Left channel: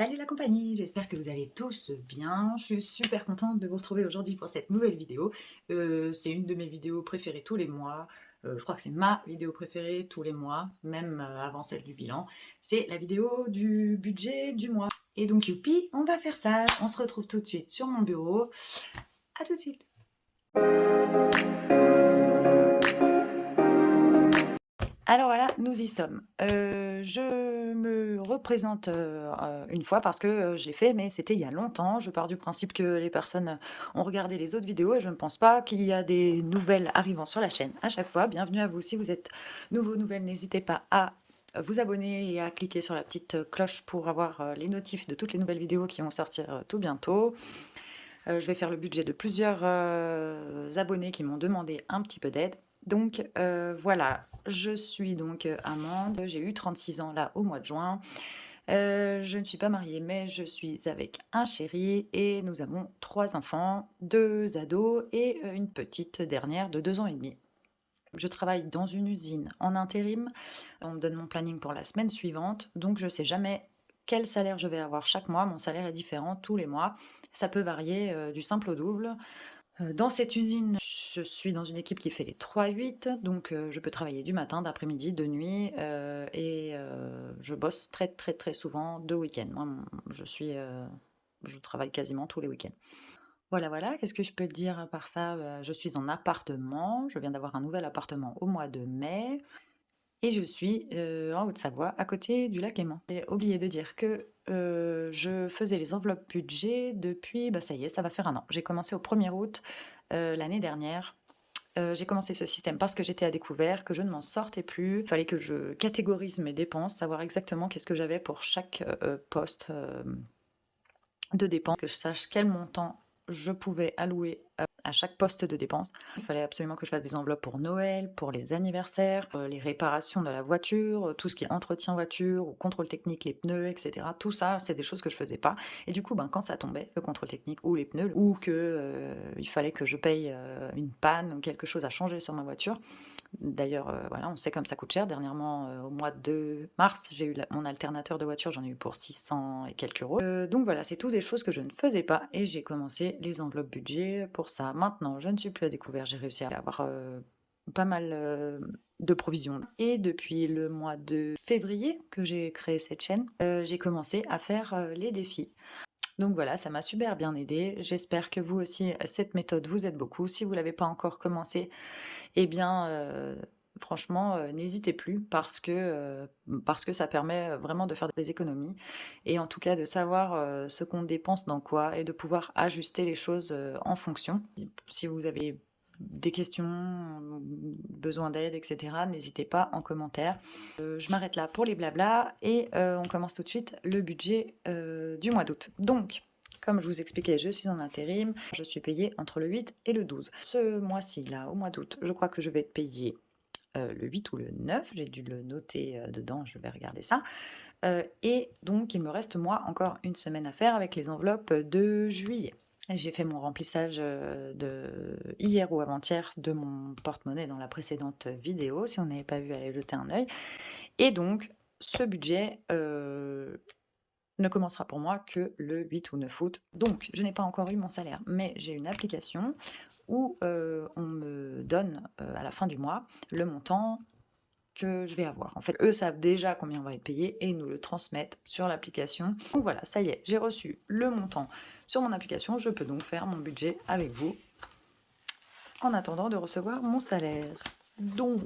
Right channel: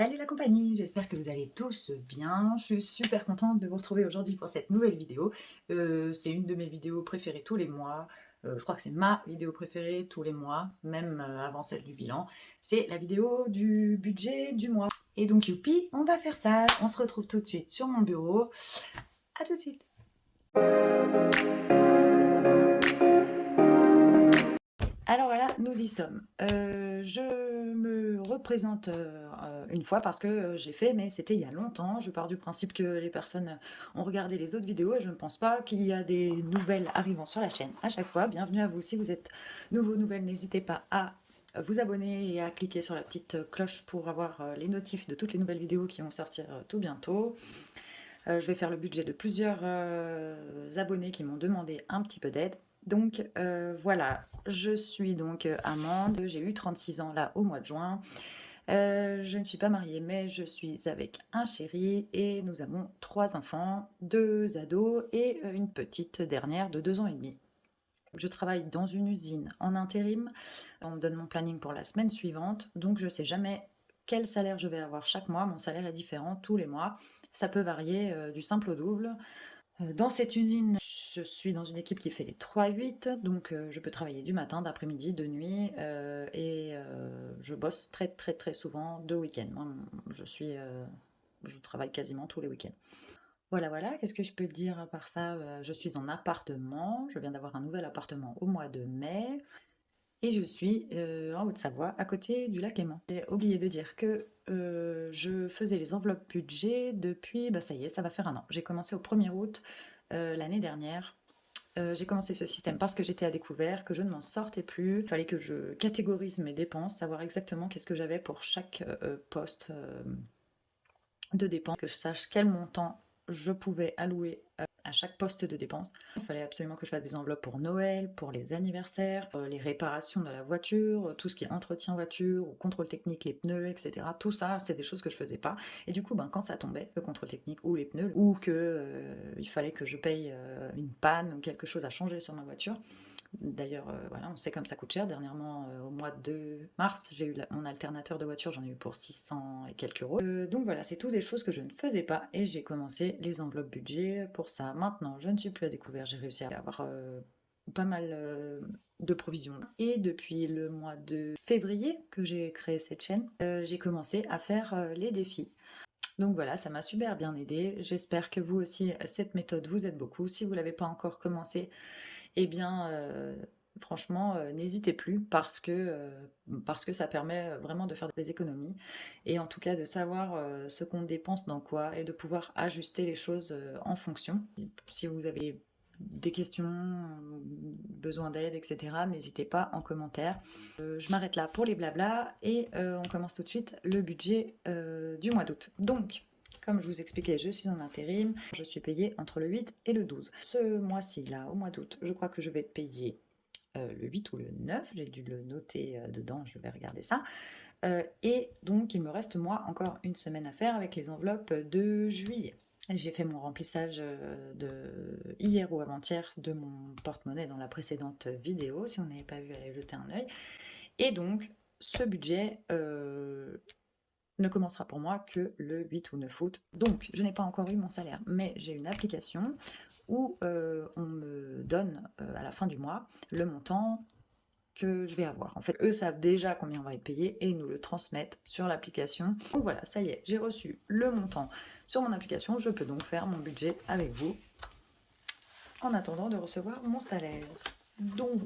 Salut la compagnie, j'espère que vous allez tous bien. Je suis super contente de vous retrouver aujourd'hui pour cette nouvelle vidéo. C'est une de mes vidéos préférées tous les mois. Je crois que c'est ma vidéo préférée tous les mois, même avant celle du bilan. C'est la vidéo du budget du mois. Et donc youpi, on va faire ça. On se retrouve tout de suite sur mon bureau. À tout de suite. Alors voilà, nous y sommes. Je me représente une fois parce que je l'ai fait, mais c'était il y a longtemps. Je pars du principe que les personnes ont regardé les autres vidéos et je ne pense pas qu'il y a des nouvelles arrivant sur la chaîne à chaque fois. Bienvenue à vous. Si vous êtes nouveau, nouvelle, n'hésitez pas à vous abonner et à cliquer sur la petite cloche pour avoir les notifs de toutes les nouvelles vidéos qui vont sortir tout bientôt. Je vais faire le budget de plusieurs abonnés qui m'ont demandé un petit peu d'aide. Donc voilà, je suis donc Amande, j'ai eu 36 ans là au mois de juin. Je ne suis pas mariée, mais je suis avec un chéri et nous avons 3 enfants, 2 ados et une petite dernière de 2 ans et demi. Je travaille dans une usine en intérim. On me donne mon planning pour la semaine suivante, donc je ne sais jamais quel salaire je vais avoir chaque mois. Mon salaire est différent tous les mois. Ça peut varier du simple au double. Dans cette usine, je suis dans une équipe qui fait les 3-8, donc je peux travailler du matin, d'après-midi, de nuit, et je bosse très, très, très souvent de week-end. Moi, je travaille quasiment tous les week-ends. Voilà, voilà, qu'est-ce que je peux dire à part ça? Je suis en appartement, je viens d'avoir un nouvel appartement au mois de mai et je suis, en Haute-Savoie, à côté du lac Léman. J'ai oublié de dire que, je faisais les enveloppes budget depuis, bah, ça y est, ça va faire un an. J'ai commencé au 1er août, l'année dernière. J'ai commencé ce système parce que j'étais à découvert, que je ne m'en sortais plus. Il fallait que je catégorise mes dépenses, savoir exactement qu'est-ce que j'avais pour chaque, poste, de dépenses, que je sache quel montant je pouvais allouer à chaque poste de dépense. Il fallait absolument que je fasse des enveloppes pour Noël, pour les anniversaires, les réparations de la voiture, tout ce qui est entretien voiture ou contrôle technique, les pneus, etc. Tout ça, c'est des choses que je faisais pas. Et du coup, ben, quand ça tombait, le contrôle technique ou les pneus, ou que il fallait que je paye une panne ou quelque chose à changer sur ma voiture, d'ailleurs, voilà, on sait comme ça coûte cher. Dernièrement, au mois de mars, j'ai eu mon alternateur de voiture, j'en ai eu pour 600 et quelques euros. Donc voilà, c'est tout des choses que je ne faisais pas et j'ai commencé les enveloppes budget pour ça. Maintenant, je ne suis plus à découvert, j'ai réussi à avoir pas mal de provisions. Et depuis le mois de février que j'ai créé cette chaîne, j'ai commencé à faire les défis. Donc voilà, ça m'a super bien aidé. J'espère que vous aussi, cette méthode vous aide beaucoup. Si vous ne l'avez pas encore commencé, eh bien, franchement, n'hésitez plus parce que ça permet vraiment de faire des économies et en tout cas de savoir, ce qu'on dépense dans quoi et de pouvoir ajuster les choses, en fonction. Si vous avez des questions, besoin d'aide et cetera, n'hésitez pas en commentaire. Je m'arrête là pour les blablas et on commence tout de suite le budget, du mois d'août. Donc, comme je vous expliquais, je suis en intérim, je suis payée entre le 8 et le 12. Ce mois-ci, là, au mois d'août, je crois que je vais être payée le 8 ou le 9, j'ai dû le noter dedans, je vais regarder ça. Et donc, il me reste, moi, encore une semaine à faire avec les enveloppes de juillet. J'ai fait mon remplissage de hier ou avant-hier de mon porte-monnaie dans la précédente vidéo. Si on n'avait pas vu, allez jeter un œil. Et donc, ce budget ne commencera pour moi que le 8 ou 9 août. Donc, je n'ai pas encore eu mon salaire, mais j'ai une application où on me donne à la fin du mois le montant que je vais avoir. En fait, eux savent déjà combien on va être payé et ils nous le transmettent sur l'application. Donc voilà, ça y est, j'ai reçu le montant sur mon application. Je peux donc faire mon budget avec vous en attendant de recevoir mon salaire. Donc,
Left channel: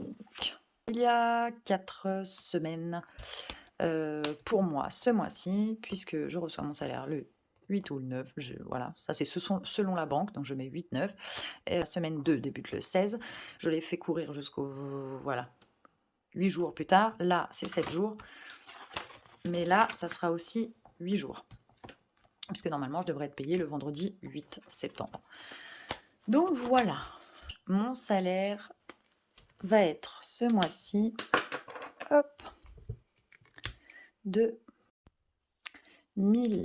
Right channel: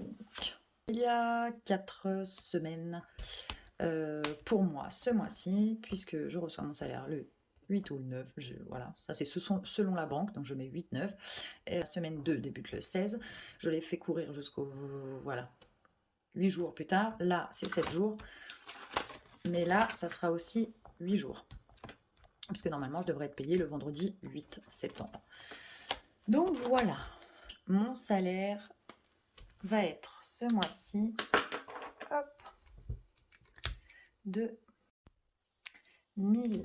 il y a 4 semaines pour moi ce mois-ci, puisque je reçois mon salaire le 8 ou le 9, voilà, ça c'est selon la banque, donc je mets 8-9. Et la semaine 2 débute le 16. Je l'ai fait courir jusqu'au, voilà, 8 jours plus tard. Là, c'est 7 jours. Mais là, ça sera aussi 8 jours. Puisque normalement, je devrais être payée le vendredi 8 septembre. Donc voilà, mon salaire va être ce mois-ci, hop, de 1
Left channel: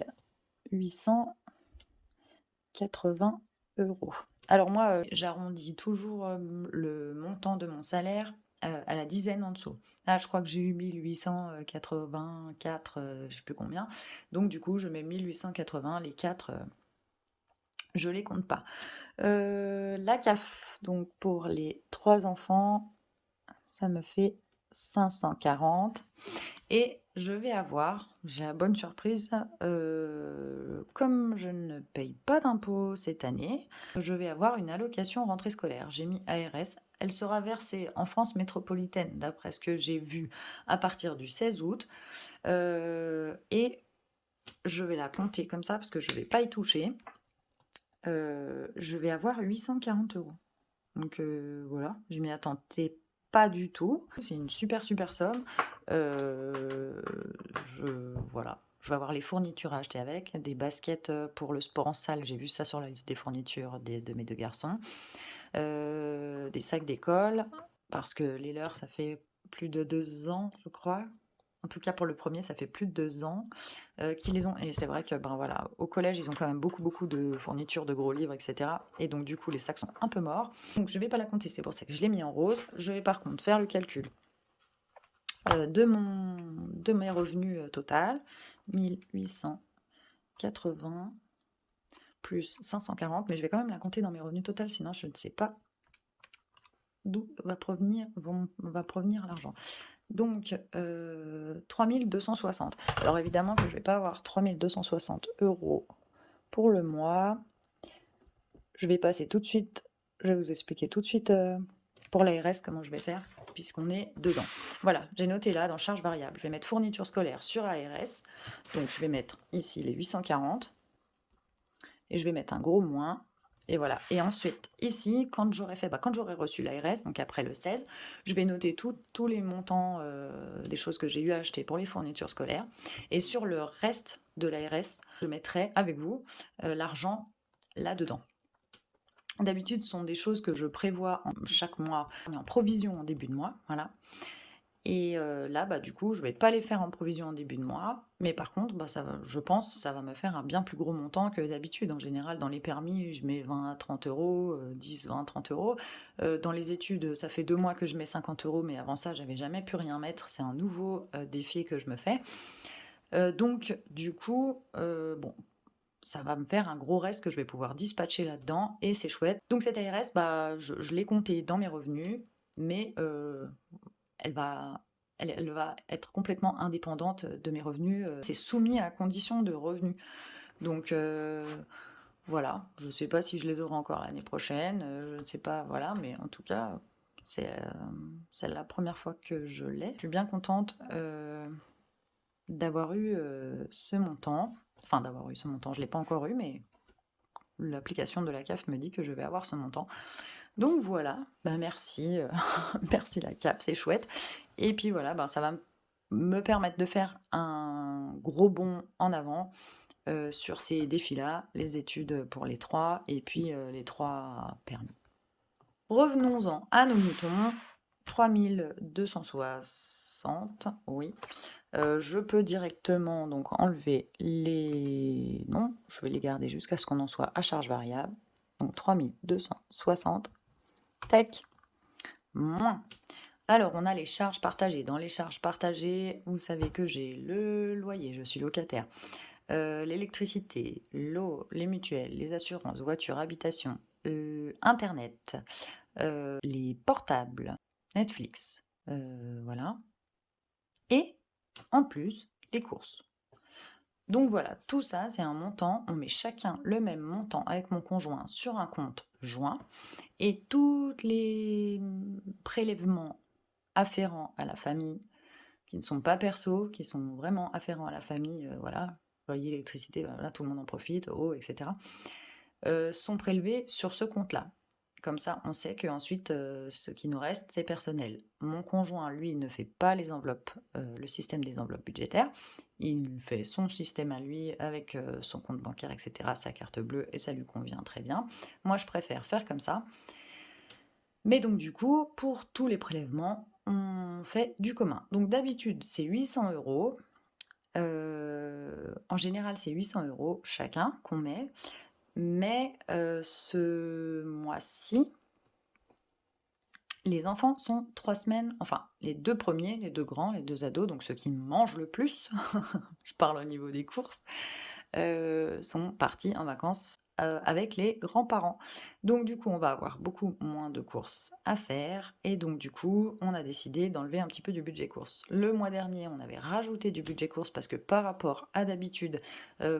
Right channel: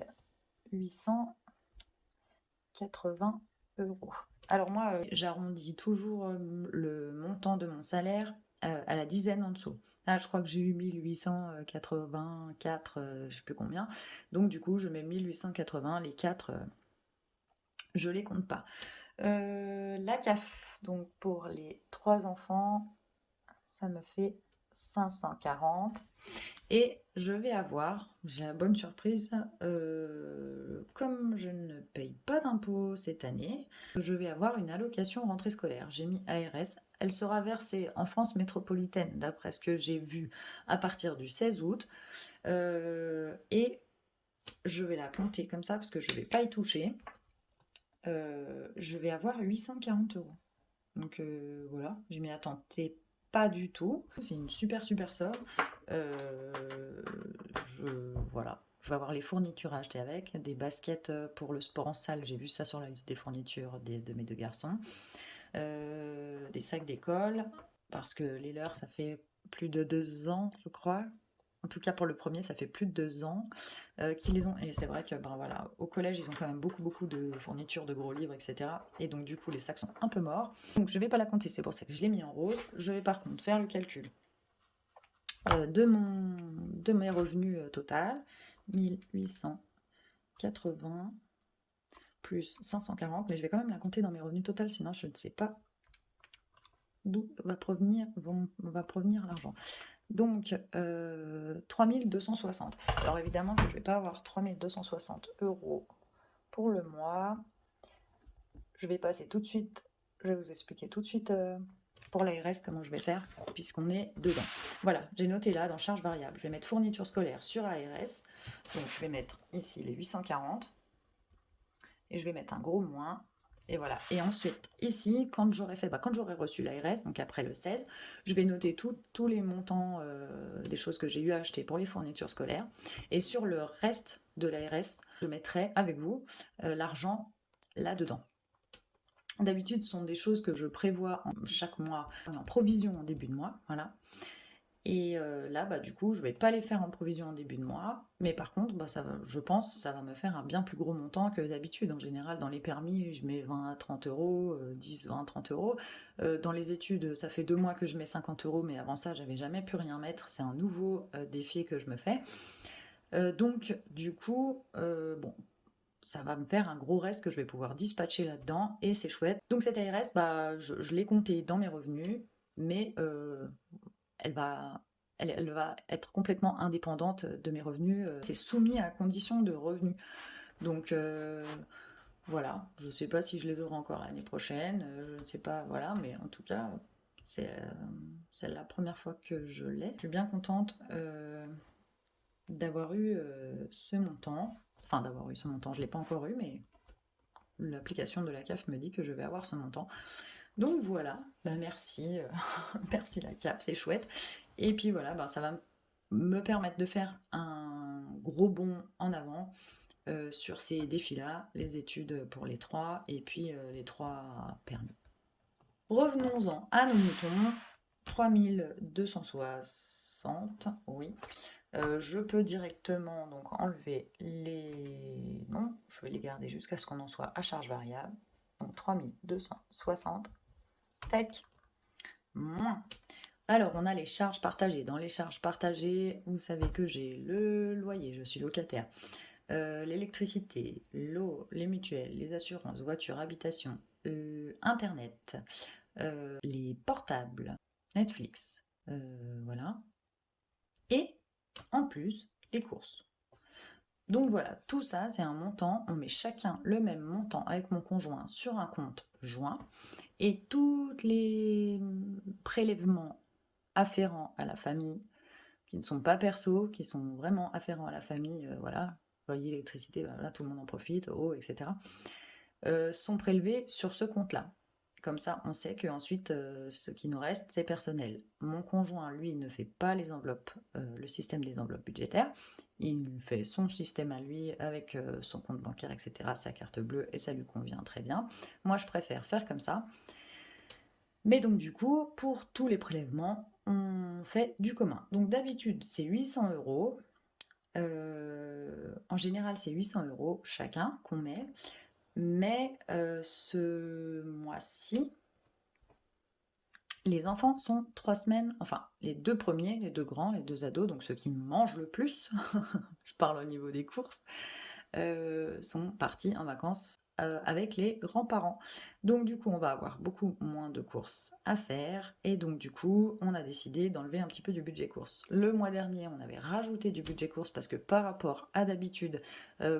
880 euros. Alors moi, j'arrondis toujours le montant de mon salaire à la dizaine en dessous. Là, je crois que j'ai eu 1884, je sais plus combien. Donc du coup, je mets 1880, les 4, je les compte pas. La CAF, donc pour les 3 enfants, ça me fait 540 et je vais avoir, j'ai la bonne surprise, comme je ne paye pas d'impôts cette année, je vais avoir une allocation rentrée scolaire. J'ai mis ARS. Elle sera versée en France métropolitaine, d'après ce que j'ai vu, à partir du 16 août. Et je vais la compter comme ça parce que je ne vais pas y toucher. Je vais avoir 840 euros. Donc voilà, je m'y attendais pas du tout. C'est une super super somme. Voilà, je vais avoir les fournitures à acheter avec, des baskets pour le sport en salle. J'ai vu ça sur la liste des fournitures de mes 2 garçons. Des sacs d'école parce que les leurs, ça fait plus de 2 ans, je crois. En tout cas, pour le premier, ça fait plus de 2 ans qu'ils les ont. Et c'est vrai que, ben voilà, au collège, ils ont quand même beaucoup, beaucoup de fournitures, de gros livres, etc. Et donc, du coup, les sacs sont un peu morts. Donc, je ne vais pas la compter, c'est pour ça que je l'ai mis en rose. Je vais par contre faire le calcul de mes revenus total. 1880 plus 540, mais je vais quand même la compter dans mes revenus total, sinon je ne sais pas d'où va provenir l'argent. Donc, 3260. Alors évidemment que je ne vais pas avoir 3260 euros pour le mois. Je vais passer tout de suite, je vais vous expliquer tout de suite pour l'ARS comment je vais faire, puisqu'on est dedans. Voilà, j'ai noté là dans charge variable. Je vais mettre fourniture scolaire sur ARS. Donc je vais mettre ici les 840. Et je vais mettre un gros moins. Et voilà. Et ensuite, ici, quand j'aurai reçu l'ARS, donc après le 16, je vais noter tous les montants des choses que j'ai eu à acheter pour les fournitures scolaires. Et sur le reste de l'ARS, je mettrai avec vous l'argent là-dedans. D'habitude, ce sont des choses que je prévois chaque mois en provision en début de mois. Voilà. Et là, bah, du coup, je vais pas les faire en provision en début de mois, mais par contre, bah, je pense ça va me faire un bien plus gros montant que d'habitude. En général, dans les permis, je mets 20 à 30 euros, 10, 20, 30 euros. Dans les études, ça fait 2 mois que je mets 50 euros, mais avant ça, j'avais jamais pu rien mettre. C'est un nouveau défi que je me fais. Donc, du coup, bon, ça va me faire un gros reste que je vais pouvoir dispatcher là-dedans, et c'est chouette. Donc, cette ARS, bah, je l'ai compté dans mes revenus, mais elle va, elle va être complètement indépendante de mes revenus. C'est soumis à condition de revenus. Donc voilà, je ne sais pas si je les aurai encore l'année prochaine, je ne sais pas, voilà, mais en tout cas, c'est la première fois que je l'ai. Je suis bien contente d'avoir eu ce montant. Enfin, d'avoir eu ce montant, je ne l'ai pas encore eu, mais l'application de la CAF me dit que je vais avoir ce montant. Donc voilà, bah merci, merci la CAF, c'est chouette. Et puis voilà, bah ça va me permettre de faire un gros bond en avant sur ces défis-là, les études pour les 3 et puis les 3 permis. Revenons-en à nos moutons. 3260, oui. Je peux directement donc enlever les... Non, je vais les garder jusqu'à ce qu'on en soit à charge variable. Donc 3260. Tac. Moins. Alors, on a les charges partagées. Dans les charges partagées, vous savez que j'ai le loyer, je suis locataire, l'électricité, l'eau, les mutuelles, les assurances, voiture, habitation, Internet, les portables, Netflix, voilà. Et en plus, les courses. Donc voilà, tout ça, c'est un montant. On met chacun le même montant avec mon conjoint sur un compte joint. Et tous les prélèvements afférents à la famille, qui ne sont pas perso, qui sont vraiment afférents à la famille, voilà, loyer, électricité, bah, voilà, tout le monde en profite, eau, etc., sont prélevés sur ce compte-là. Comme ça, on sait qu'ensuite, ce qui nous reste, c'est personnel. Mon conjoint, lui, ne fait pas les enveloppes, le système des enveloppes budgétaires. Il fait son système à lui avec son compte bancaire, etc., sa carte bleue, et ça lui convient très bien. Moi, je préfère faire comme ça. Mais donc, du coup, pour tous les prélèvements, on fait du commun. Donc, d'habitude, c'est 800 euros. En général, c'est 800 euros chacun qu'on met. Mais ce mois-ci, Les enfants sont 3 semaines, enfin les 2 premiers, les 2 grands, les 2 ados, donc ceux qui mangent le plus, je parle au niveau des courses, sont partis en vacances, avec les grands-parents. Donc du coup, on va avoir beaucoup moins de courses à faire et donc du coup, on a décidé d'enlever un petit peu du budget courses. Le mois dernier, on avait rajouté du budget courses parce que par rapport à d'habitude,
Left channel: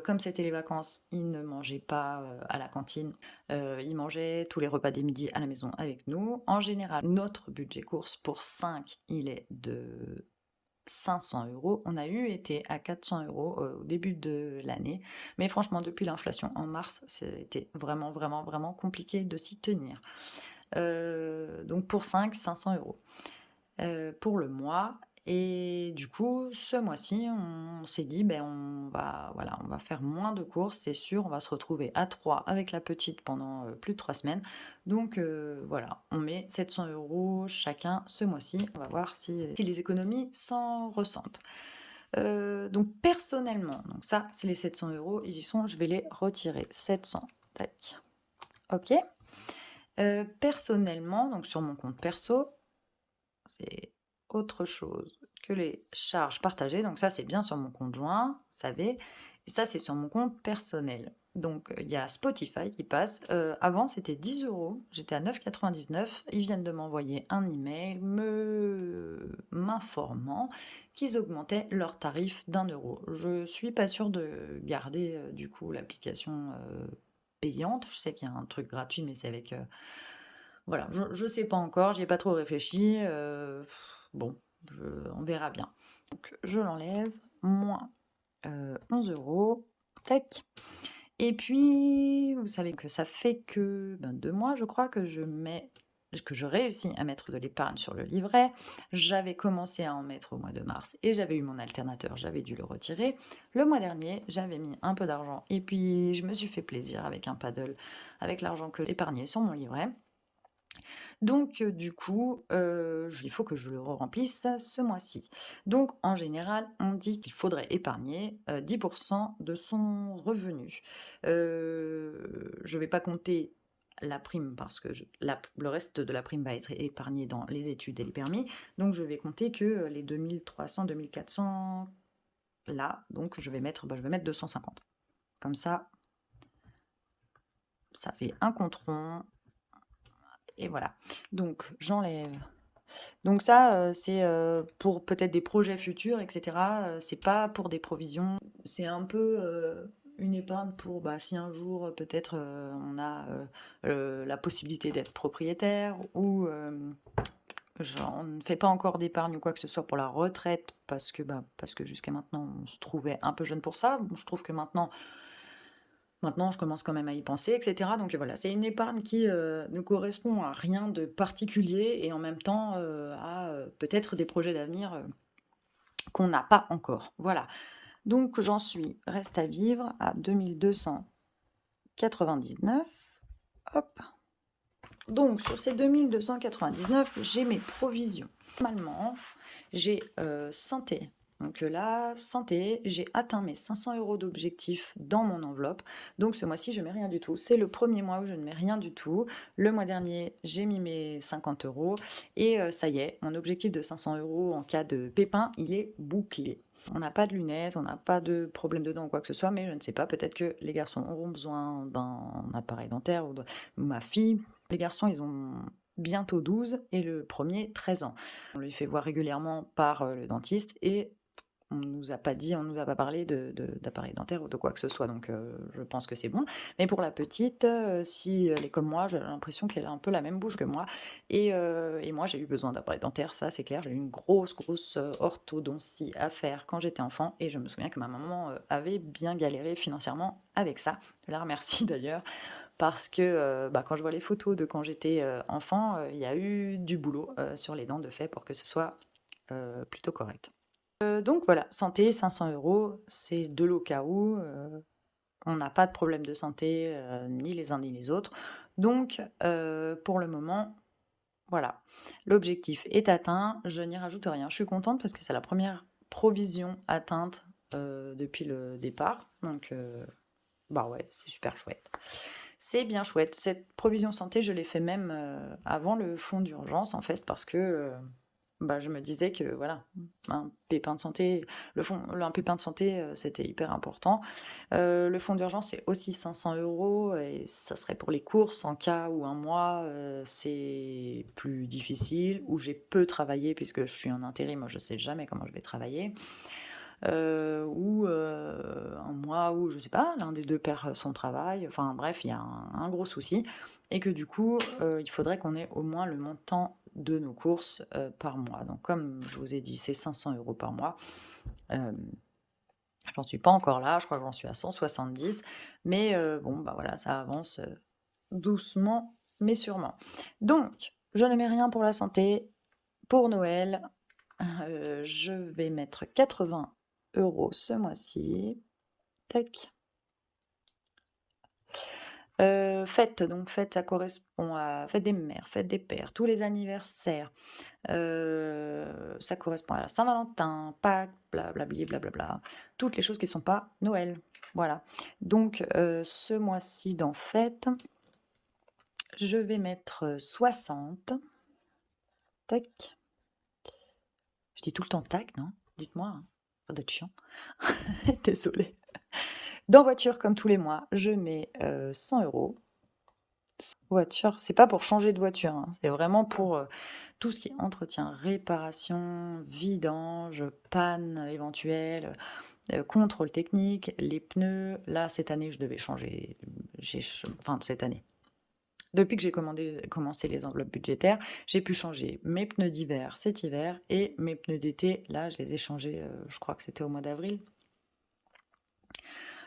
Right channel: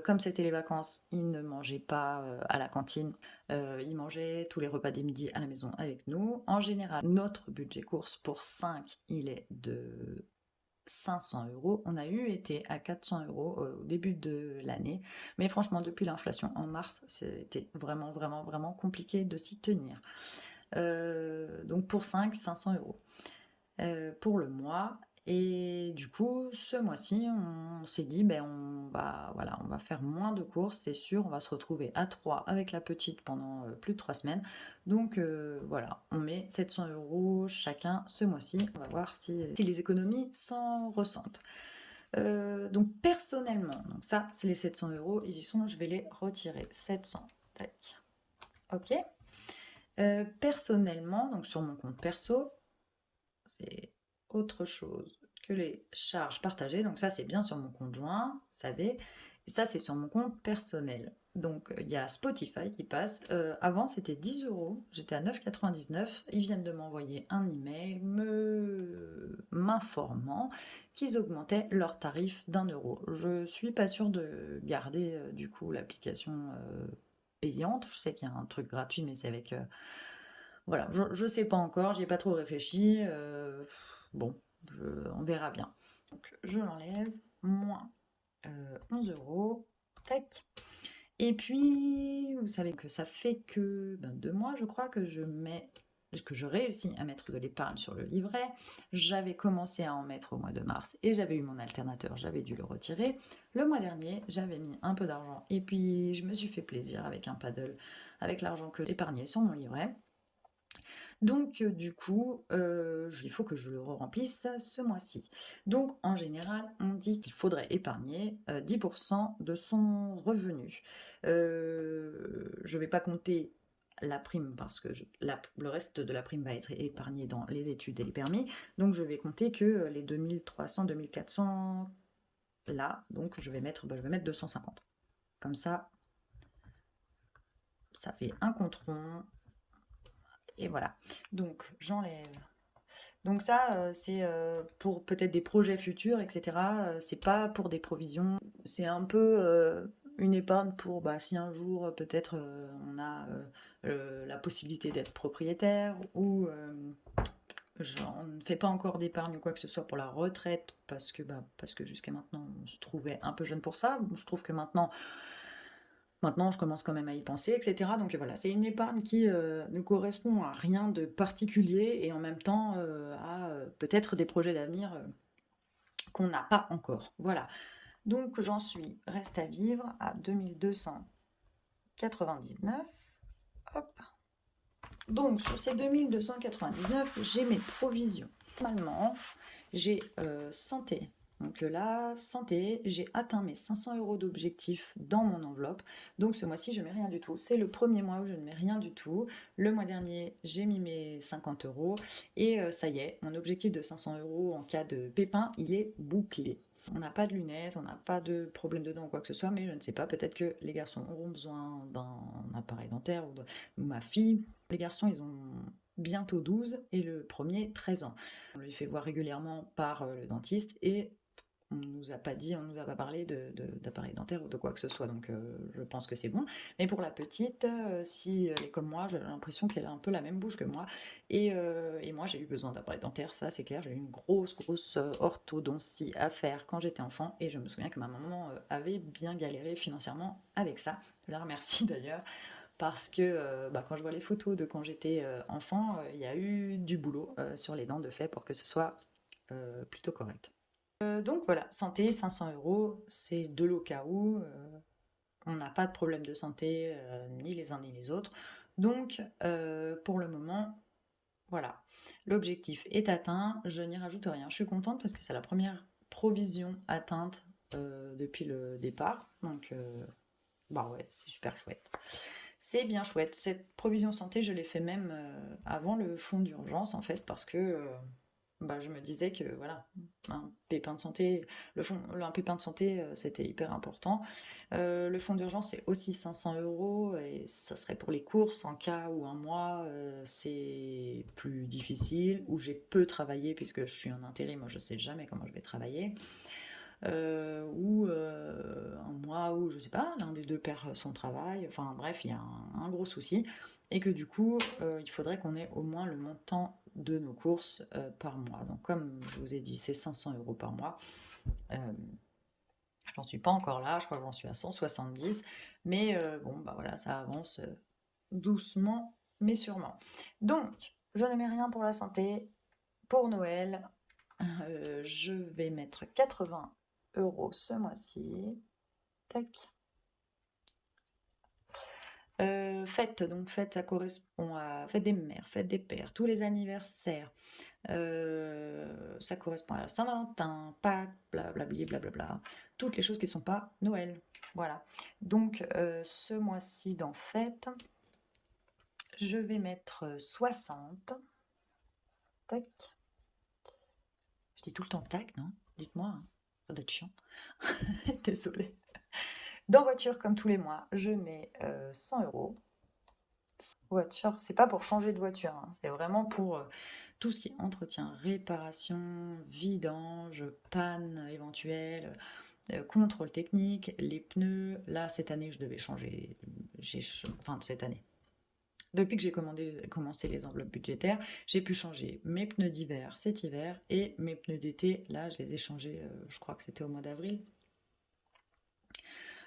comme c'était les vacances, ils ne mangeaient pas, à la cantine, ils mangeaient tous les repas des midis à la maison avec nous. En général, notre budget courses pour 5, il est de 500 €. On a été à 400 € au début de l'année, mais franchement, depuis l'inflation en mars, c'était vraiment, vraiment, vraiment compliqué de s'y tenir. Donc pour 500 €, pour le mois. Et du coup, ce mois-ci, on s'est dit, ben, on va faire moins de courses, c'est sûr. On va se retrouver à 3 avec la petite pendant plus de 3 semaines. Donc voilà, on met 700 € chacun ce mois-ci. On va voir si les économies s'en ressentent. Donc personnellement, donc ça, c'est les 700 €, ils y sont, je vais les retirer. 700, tac. Ok. Personnellement, donc sur mon compte perso, c'est autre chose que les charges partagées. Donc ça, c'est bien sur mon compte joint, vous savez. Et ça, c'est sur mon compte personnel. Donc il y a Spotify qui passe. Avant, c'était 10 €. J'étais à 9,99 €. Ils viennent de m'envoyer un email m'informant qu'ils augmentaient leur tarif d'1 €. Je suis pas sûre de garder du coup l'application payante. Je sais qu'il y a un truc gratuit, mais c'est avec voilà, je sais pas encore, j'y ai pas trop réfléchi, bon, on verra bien. Donc je l'enlève, moins, 11 €, tac. Et puis, vous savez que ça fait que, 2 mois, je crois, que je réussis à mettre de l'épargne sur le livret. J'avais commencé à en mettre au mois de mars et j'avais eu mon alternateur, j'avais dû le retirer. Le mois dernier, j'avais mis un peu d'argent et puis je me suis fait plaisir avec un paddle, avec l'argent que j'épargnais sur mon livret. Donc du coup, il faut que je le remplisse ce mois-ci. Donc en général, on dit qu'il faudrait épargner, 10 de son revenu. Je ne vais pas compter la prime parce que le reste de la prime va être épargné dans les études et les permis. Donc je vais compter que, les 2 300-2 400 là, donc je vais mettre 250. Comme ça fait un compte rond et voilà. Donc j'enlève. Donc ça, c'est, pour peut-être des projets futurs et cetera, c'est pas pour des provisions. C'est un peu, une épargne pour, si un jour, peut-être, on a, la possibilité d'être propriétaire ou, on ne fait pas encore d'épargne ou quoi que ce soit pour la retraite parce que jusqu'à maintenant, on se trouvait un peu jeune pour ça. Bon, je trouve que maintenant, je commence quand même à y penser, et cetera. Donc voilà, c'est une épargne qui, ne correspond à rien de particulier et en même temps, à, peut-être des projets d'avenir, qu'on n'a pas encore. Voilà. Donc j'en suis reste à vivre à 2 299. Hop. Donc sur ces 2 299, j'ai mes provisions. Normalement, j'ai, santé. Donc là, santé, j'ai atteint mes 500 € d'objectif dans mon enveloppe. Donc ce mois-ci, je mets rien du tout. C'est le premier mois où je ne mets rien du tout. Le mois dernier, j'ai mis mes 50 € et ça y est, mon objectif de 500 € en cas de pépin, il est bouclé. On n'a pas de lunettes, on n'a pas de problème de dents ou quoi que ce soit, mais je ne sais pas, peut-être que les garçons auront besoin d'un appareil dentaire ou ma fille. Les garçons, ils ont bientôt 12 et le premier 13 ans. On lui fait voir régulièrement par le dentiste et on nous a pas dit, on nous a pas parlé d'appareil dentaire ou de quoi que ce soit, donc je pense que c'est bon. Mais pour la petite, si elle est comme moi, j'ai l'impression qu'elle a un peu la même bouche que moi. Et moi, j'ai eu besoin d'appareil dentaire, ça c'est clair. J'ai eu une grosse, grosse orthodontie à faire quand j'étais enfant. Et je me souviens que ma maman avait bien galéré financièrement avec ça. Je la remercie d'ailleurs. Parce que quand je vois les photos de quand j'étais enfant, il y a eu du boulot sur les dents de fait pour que ce soit plutôt correct. Donc voilà, santé, 500 €, c'est de l'au cas où, on n'a pas de problème de santé, ni les uns ni les autres. Donc pour le moment, voilà, l'objectif est atteint, je n'y rajoute rien. Je suis contente parce que c'est la première provision atteinte, depuis le départ, donc ouais, c'est super chouette. C'est bien chouette. Cette provision santé, je l'ai fait même, avant le fonds d'urgence en fait parce que, bah, je me disais que voilà, un pépin de santé un pépin de santé, c'était hyper important. Le fonds d'urgence, c'est aussi 500 € et ça serait pour les courses en cas où un mois, c'est plus difficile, où j'ai peu travaillé puisque je suis en intérim, moi je sais jamais comment je vais travailler. Ou un mois où, je sais pas, l'un des 2 perd son travail, enfin bref, il y a un gros souci et que du coup, il faudrait qu'on ait au moins le montant de nos courses, par mois. Donc comme je vous ai dit, c'est 500 € par mois. Hem, J'en suis pas encore là, je crois que j'en suis à 170, mais bon, bah, voilà, ça avance, doucement mais sûrement. Donc je ne mets rien pour la santé. Pour Noël, je vais mettre 80 € ce mois-ci. Tac. Fête, donc fête, ça correspond à fête des mères, fête des pères, tous les anniversaires. Ça correspond à la Saint-Valentin, Pâques, blablabli, blablabla. Toutes les choses qui ne sont pas Noël. Voilà. Donc, ce mois-ci dans fête, je vais mettre 60. Tac. Je dis tout le temps tac, non? Dites-moi, hein, ça doit être chiant. Désolée. Dans voiture, comme tous les mois, je mets 100 €. Voiture, c'est pas pour changer de voiture, hein, c'est vraiment pour tout ce qui est entretien, réparation, vidange, panne éventuelle, contrôle technique, les pneus. Là, cette année, je devais changer, enfin cette année. Depuis que j'ai commencé les enveloppes budgétaires, j'ai pu changer mes pneus d'hiver cet hiver et mes pneus d'été. Là, je les ai changés, je crois que c'était au mois d'avril.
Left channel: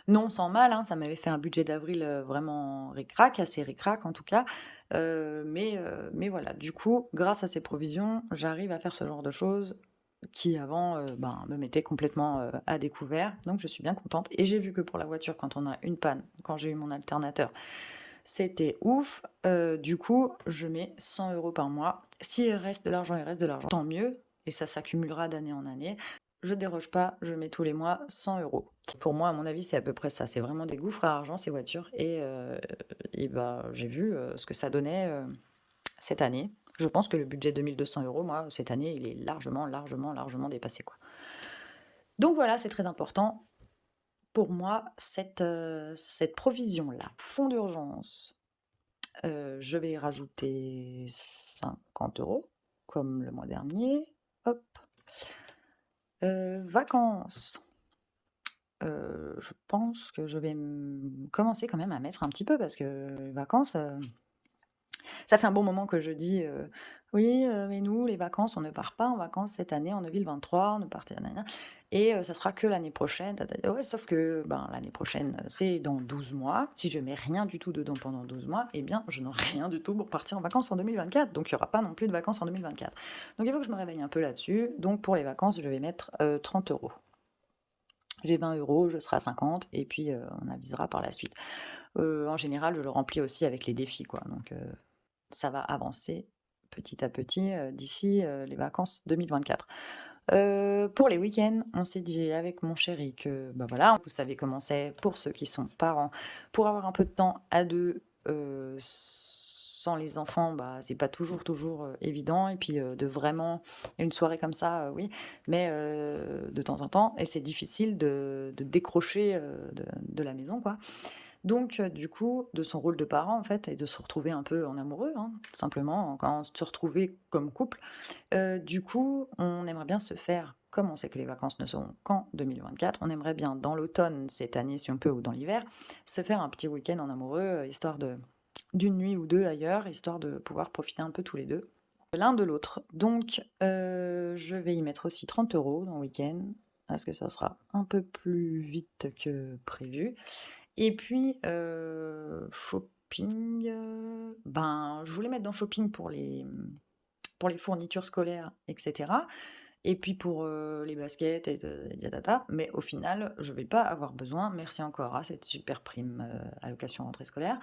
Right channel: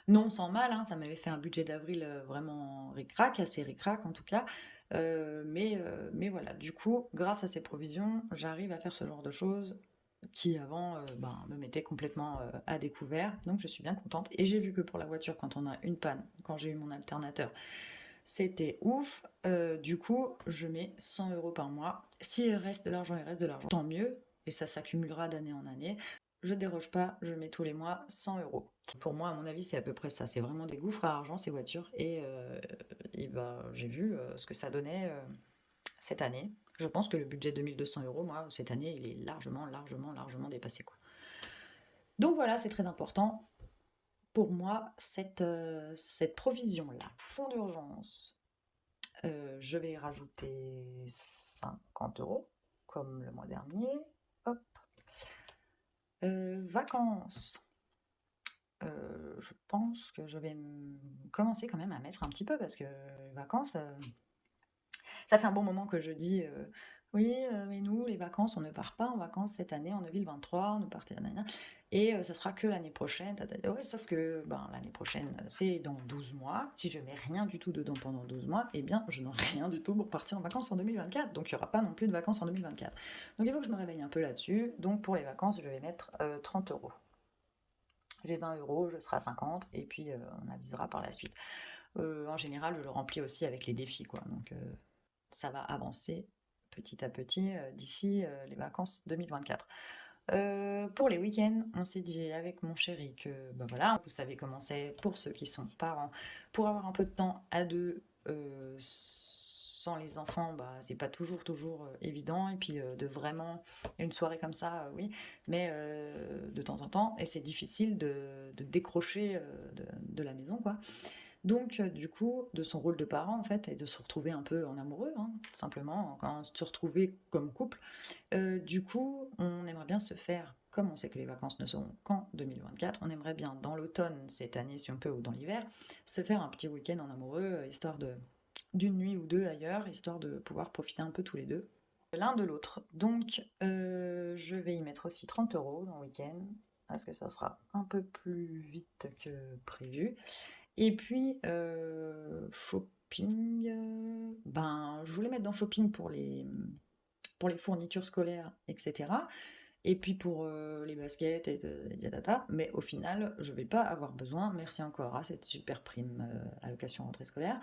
Non sans mal, hein, ça m'avait fait un budget d'avril, vraiment ric-rac, assez ric-rac en tout cas. Mais voilà, du coup, grâce à ces provisions, j'arrive à faire ce genre de choses qui avant, ben, me mettaient complètement, à découvert. Donc je suis bien contente et j'ai vu que pour la voiture, quand on a une panne, quand j'ai eu mon alternateur, c'était ouf. Du coup, je mets 100 € par mois. S'il reste de l'argent, il reste de l'argent, tant mieux et ça s'accumulera d'année en année. Je déroge pas, je mets tous les mois 100 €. Pour moi, à mon avis, c'est à peu près ça. C'est vraiment des gouffres à argent, ces voitures. Et bah, j'ai vu ce que ça donnait cette année. Je pense que le budget de 1200 €, moi, cette année, il est largement, largement, largement dépassé, quoi. Donc voilà, c'est très important pour moi, cette provision-là. Fonds d'urgence, je vais y rajouter 50 €, comme le mois dernier. Hop. Vacances. Je pense que je vais commencer quand même à mettre un petit peu parce que les vacances, ça fait un bon moment que je dis, «Oui, mais nous, les vacances, on ne part pas en vacances cette année en 2023, on ne partait nanana et ça sera que l'année prochaine, ta ta ta». Ouais, sauf que, ben, l'année prochaine, c'est dans 12 mois. Si je mets rien du tout dedans pendant 12 mois, eh bien, je n'aurai rien du tout pour partir en vacances en 2024. Donc il y aura pas non plus de vacances en 2024. Donc il faut que je me réveille un peu là-dessus. Donc pour les vacances, je vais mettre, 30 €. J'ai 20 €, je serai à 50 et puis, on avisera par la suite. En général, je le remplis aussi avec les défis, quoi, donc ça va avancer petit à petit, d'ici, les vacances 2024. Pour les week-ends, on s'est dit avec mon chéri que, bah, voilà, vous savez comment c'est pour ceux qui sont parents, pour avoir un peu de temps à 2, sans les enfants, bah, c'est pas toujours, évident et puis, de vraiment une soirée comme ça, oui, mais de temps en temps et c'est difficile de décrocher, de la maison, quoi. Donc du coup, de son rôle de parent, en fait et de se retrouver un peu en amoureux, hein, tout simplement, quand se retrouver comme couple. Du coup, on aimerait bien se faire comme on sait que les vacances ne sont qu'en 2024, on aimerait bien dans l'automne, cette année si on peut, ou dans l'hiver, se faire un petit week-end en amoureux, histoire de d'une nuit ou 2 ailleurs, histoire de pouvoir profiter un peu tous les 2 l'un de l'autre. Donc je vais y mettre aussi 30 € dans le week-end, parce que ça sera un peu plus vite que prévu. Et puis, shopping, ben, je voulais mettre dans shopping pour les fournitures scolaires et cetera et puis pour, les baskets et yatata, mais au final, je vais pas avoir besoin, merci encore à cette super prime, allocation rentrée scolaire,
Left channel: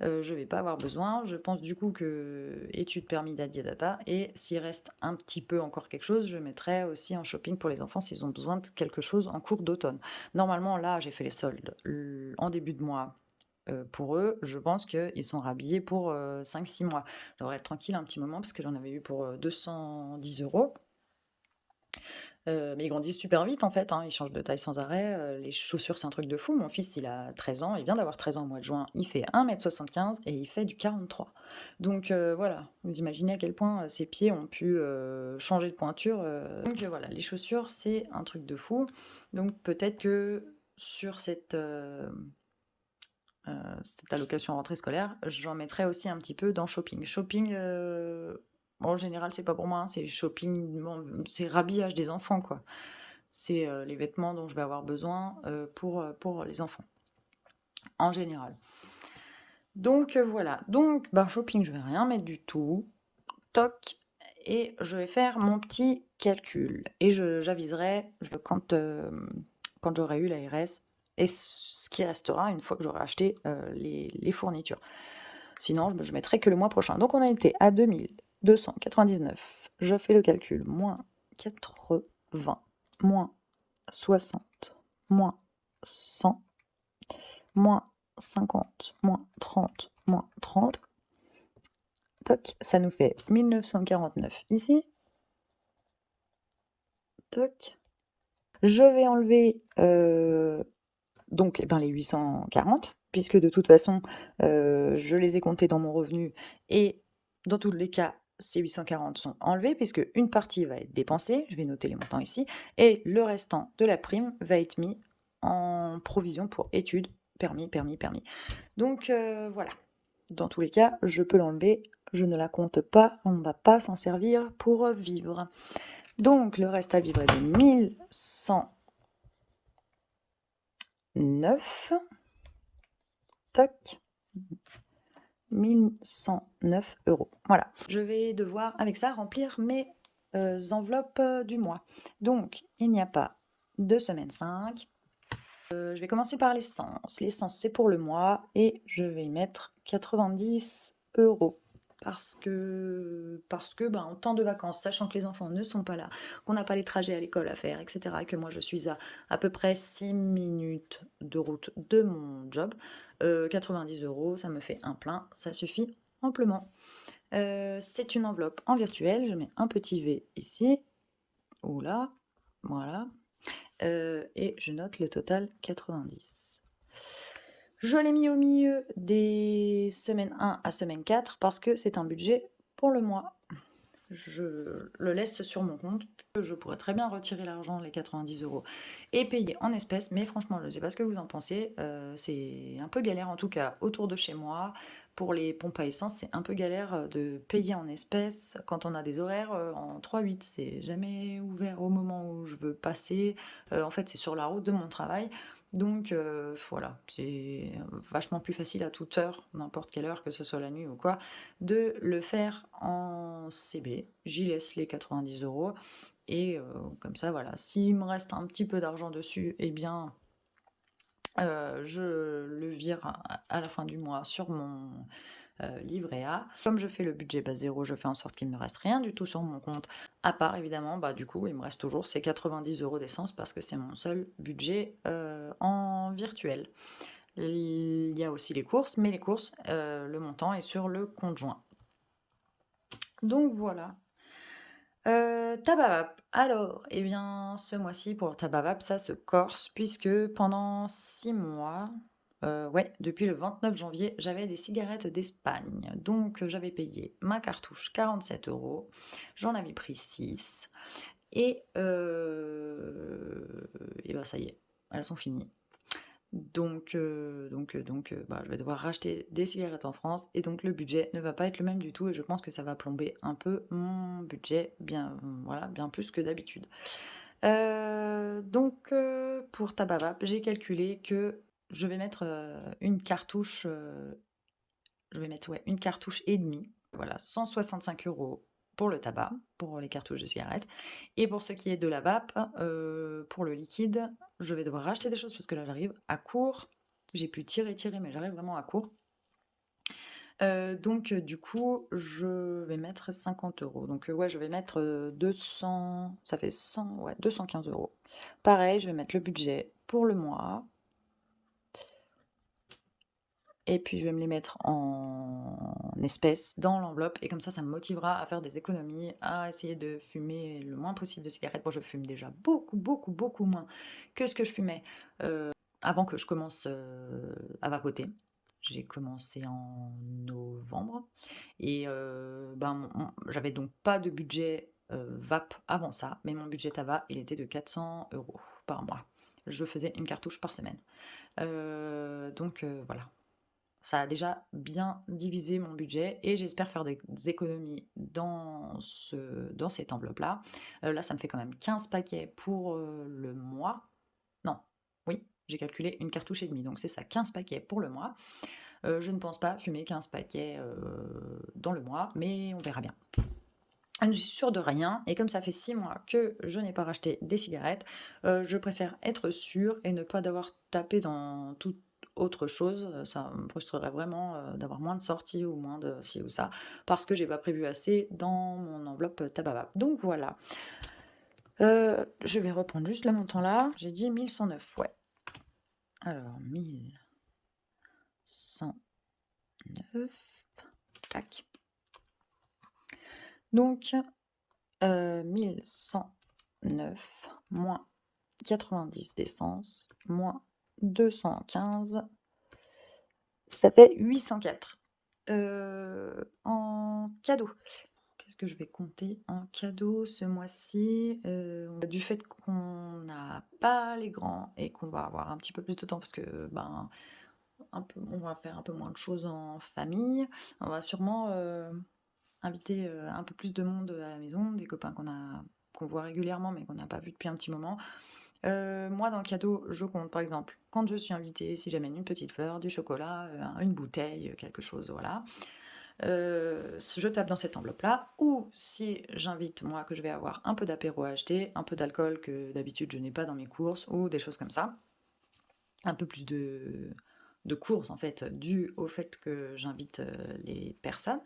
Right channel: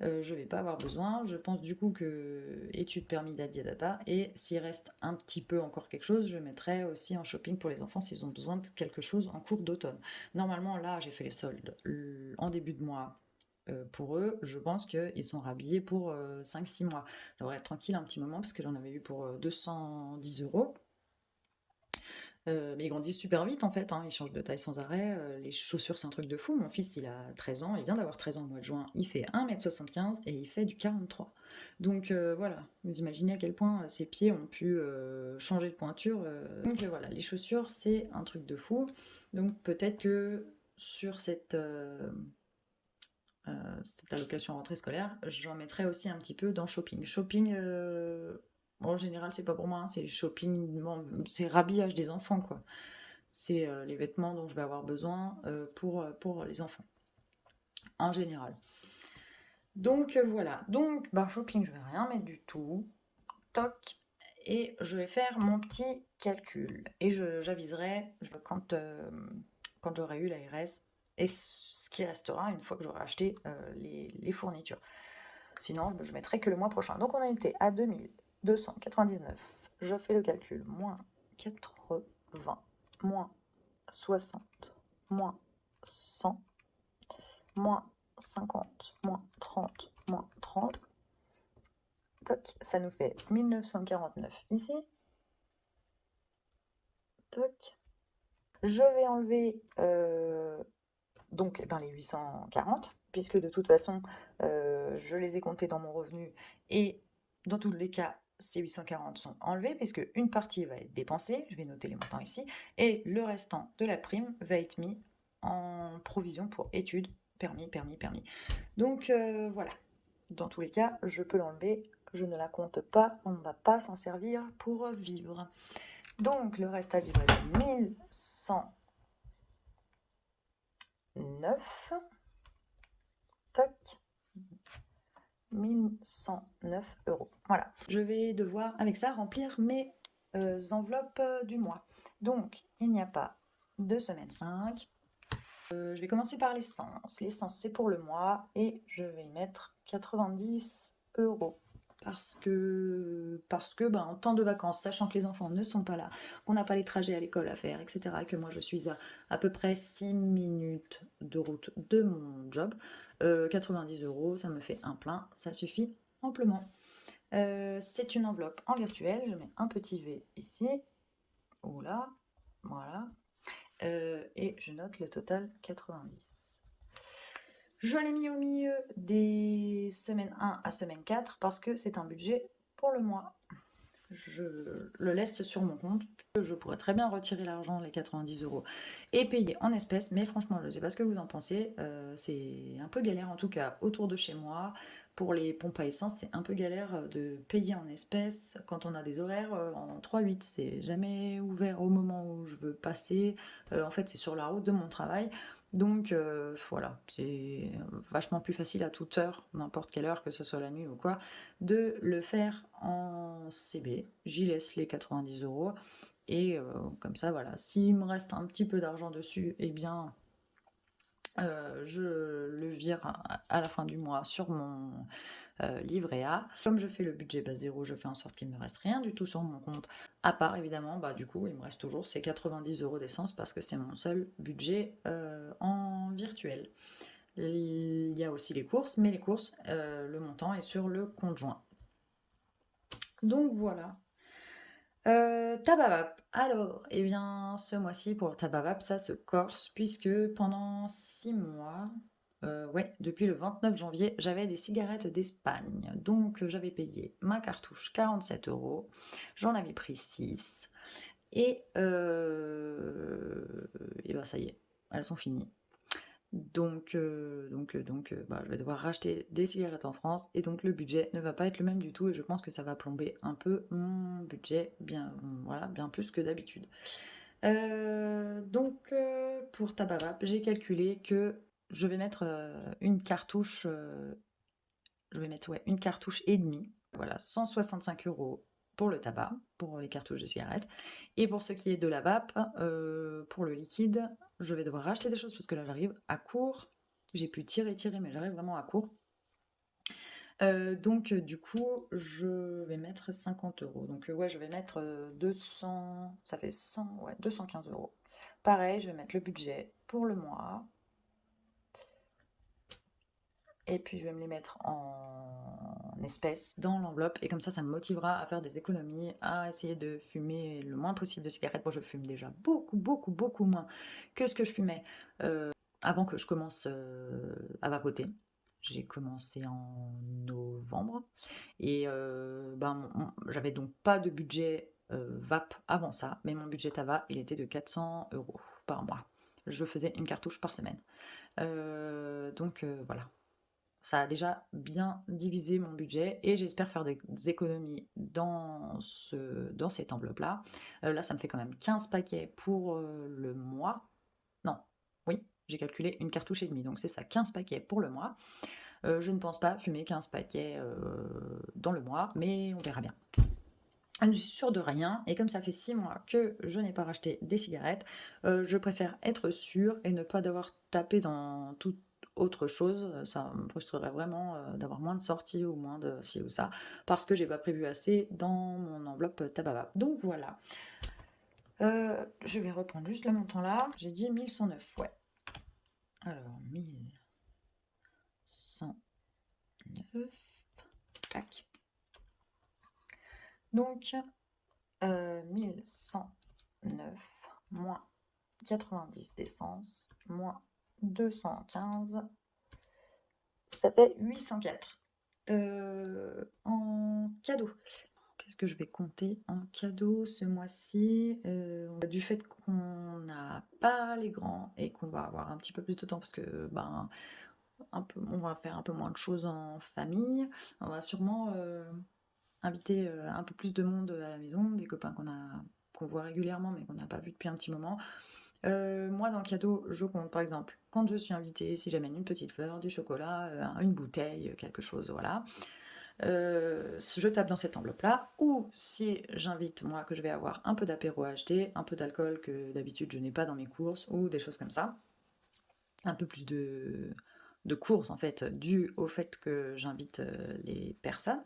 je vais pas avoir besoin. Je pense du coup que études permis yatata et s'il reste un petit peu encore quelque chose, je mettrai aussi en shopping pour les enfants s'ils ont besoin de quelque chose en cours d'automne. Normalement, là, j'ai fait les soldes en début de mois pour eux, je pense qu'ils sont rhabillés pour 5-6 mois. Je devrais être tranquille un petit moment parce que j'en avais eu pour 210 €. Mais ils grandissent super vite en fait, hein, ils changent de taille sans arrêt, les chaussures, c'est un truc de fou. Mon fils, il a 13 ans, il vient d'avoir 13 ans au mois de juin, il fait 1,75 m et il fait du 43. Donc voilà, vous imaginez à quel point, ses pieds ont pu, changer de pointure, donc voilà, les chaussures, c'est un truc de fou. Donc peut-être que sur cette allocation rentrée scolaire, j'en mettrai aussi un petit peu dans shopping. Shopping, en général, c'est pas pour moi, hein, c'est shopping, c'est rhabillage des enfants, quoi. C'est les vêtements dont je vais avoir besoin pour les enfants, en général. Donc voilà, donc ben, shopping, je vais rien mettre du tout. Toc, et je vais faire mon petit calcul. Et j'aviserai quand j'aurai eu l'ARS et ce qui restera une fois que j'aurai acheté les fournitures. Sinon, je mettrai que le mois prochain. Donc on a été à 2299. Je fais le calcul. Moins 80, moins 60, moins 100, moins 50, moins 30, moins 30. Toc, ça nous fait 1949 ici. Toc. Je vais enlever donc les 840, puisque de toute façon, je les ai comptés dans mon revenu et dans tous les cas, ces 840 sont enlevés puisque une partie va être dépensée, je vais noter les montants ici, et le restant de la prime va être mis en provision pour études, permis. Donc voilà, dans tous les cas, je peux l'enlever, je ne la compte pas, on ne va pas s'en servir pour vivre. Donc le reste à vivre est de 1109. Toc. 1109 €. Voilà. Je vais devoir, avec ça, remplir mes enveloppes du mois. Donc, il n'y a pas de semaine 5. Je vais commencer par l'essence. L'essence, c'est pour le mois et je vais y mettre 90 €. Parce que en temps de vacances, sachant que les enfants ne sont pas là, qu'on n'a pas les trajets à l'école à faire, etc., et que moi je suis à peu près 6 minutes de route de mon job, 90 €, ça me fait un plein, ça suffit amplement. C'est une enveloppe en virtuel, je mets un petit V ici, ou là, voilà, et je note le total 90. Je l'ai mis au milieu des semaines 1 à semaine 4 parce que c'est un budget pour le mois. Je le laisse sur mon compte. Je pourrais très bien retirer l'argent, les 90 € et payer en espèces, mais franchement, je ne sais pas ce que vous en pensez. C'est un peu galère, en tout cas, autour de chez moi. Pour les pompes à essence, c'est un peu galère de payer en espèces quand on a des horaires en 3-8. C'est jamais ouvert au moment où je veux passer. En fait, c'est sur la route de mon travail. Donc voilà, c'est vachement plus facile à toute heure, n'importe quelle heure, que ce soit la nuit ou quoi, de le faire en CB. J'y laisse les 90 € et comme ça, voilà, s'il me reste un petit peu d'argent dessus, eh bien, je le vire à la fin du mois sur mon livret A. Comme je fais le budget bas zéro, je fais en sorte qu'il ne me reste rien du tout sur mon compte, à part évidemment, du coup, il me reste toujours ces 90 € d'essence parce que c'est mon seul budget en virtuel. Il y a aussi les courses, mais les courses, le montant est sur le compte joint. Donc voilà. Tabavap. Alors, eh bien, ce mois-ci, pour Tabavap, ça se corse puisque pendant 6 mois, ouais, depuis le 29 janvier, j'avais des cigarettes d'Espagne. Donc, j'avais payé ma cartouche 47 €, j'en avais pris 6 et ben, ça y est, elles sont finies. Donc, je vais devoir racheter des cigarettes en France et donc le budget ne va pas être le même du tout et je pense que ça va plomber un peu mon budget bien, voilà, bien plus que d'habitude. Donc, pour Tabavap, j'ai calculé que je vais mettre une cartouche, je vais mettre une cartouche et demie, voilà, 165 € pour le tabac, pour les cartouches de cigarettes. Et pour ce qui est de la vape, pour le liquide, je vais devoir racheter des choses parce que là j'arrive à court. J'ai pu tirer, mais j'arrive vraiment à court. Donc du coup, je vais mettre 50 €. Donc ouais, je vais mettre 200, ça fait 100, ouais, 215 €. Pareil, je vais mettre le budget pour le mois. et puis je vais me les mettre en espèces dans l'enveloppe et comme ça me motivera à faire des économies, à essayer de fumer le moins possible de cigarettes. Bon, je fume déjà beaucoup, beaucoup, beaucoup moins que ce que je fumais, avant que je commence, à vapoter. J'ai commencé en novembre et ben, j'avais donc pas de budget, vape avant ça, mais mon budget tabac, il était de 400 € par mois. Je faisais une cartouche par semaine. Donc voilà. Ça a déjà bien divisé mon budget et j'espère faire des économies dans cette enveloppe-là. Là, ça me fait quand même 15 paquets pour, le mois. Non, oui, j'ai calculé une cartouche et demie, donc c'est ça, 15 paquets pour le mois. Je ne pense pas fumer 15 paquets, dans le mois, mais on verra bien. Je ne suis sûre de rien et comme ça fait 6 mois que je n'ai pas racheté des cigarettes, je préfère être sûre et ne pas devoir taper dans toute autre chose. Ça me frustrerait vraiment, d'avoir moins de sorties ou moins de ci ou ça, parce que j'ai pas prévu assez dans mon enveloppe tabac. Donc voilà. Je vais reprendre juste le montant là. J'ai dit 1109, ouais. Alors 1109, tac. Donc 1109 moins 90 d'essence, moins 215, ça fait 804. En cadeau, qu'est-ce que je vais compter en cadeau ce mois-ci? Du fait qu'on n'a pas les grands et qu'on va avoir un petit peu plus de temps parce que, ben, on va faire un peu moins de choses en famille, on va sûrement, inviter, un peu plus de monde, à la maison, des copains qu'on voit régulièrement mais qu'on n'a pas vu depuis un petit moment. Moi dans le cadeau, je compte par exemple, quand je suis invitée, si j'amène une petite fleur, du chocolat, une bouteille, quelque chose, voilà. Je tape dans cette enveloppe-là ou si j'invite moi que je vais avoir un peu d'apéro à acheter, un peu d'alcool que d'habitude je n'ai pas dans mes courses ou des choses comme ça. Un peu plus de courses en fait, dû au fait que j'invite, les personnes.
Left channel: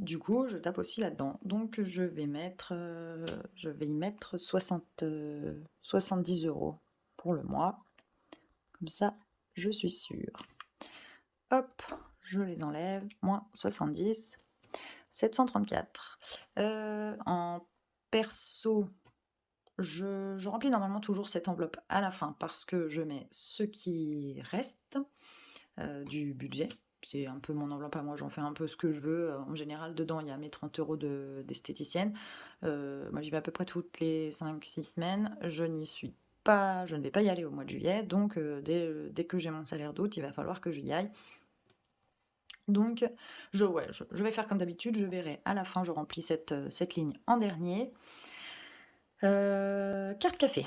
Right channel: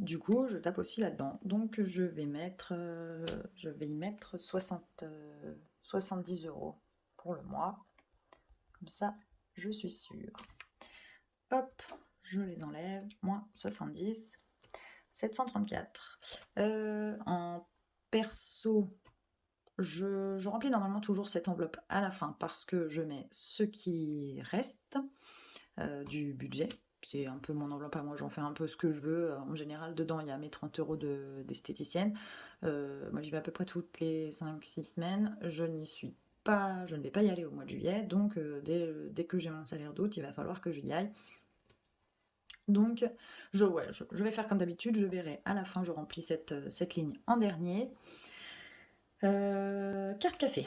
Du coup, je tape aussi là-dedans. Donc je vais y mettre 70 € pour le mois. Comme ça, je suis sûre. Hop, je les enlève. Moins 70, 734. En perso, je remplis normalement toujours cette enveloppe à la fin parce que je mets ce qui reste, du budget. C'est un peu mon enveloppe à moi, j'en fais un peu ce que je veux. En général, dedans, il y a mes 30 € d'esthéticienne. Moi, j'y vais à peu près toutes les 5-6 semaines. Je ne vais pas y aller au mois de juillet, donc dès que j'ai mon salaire d'août, il va falloir que j'y aille. Donc, je vais faire comme d'habitude, je verrai à la fin, je remplis cette ligne en dernier. Carte café.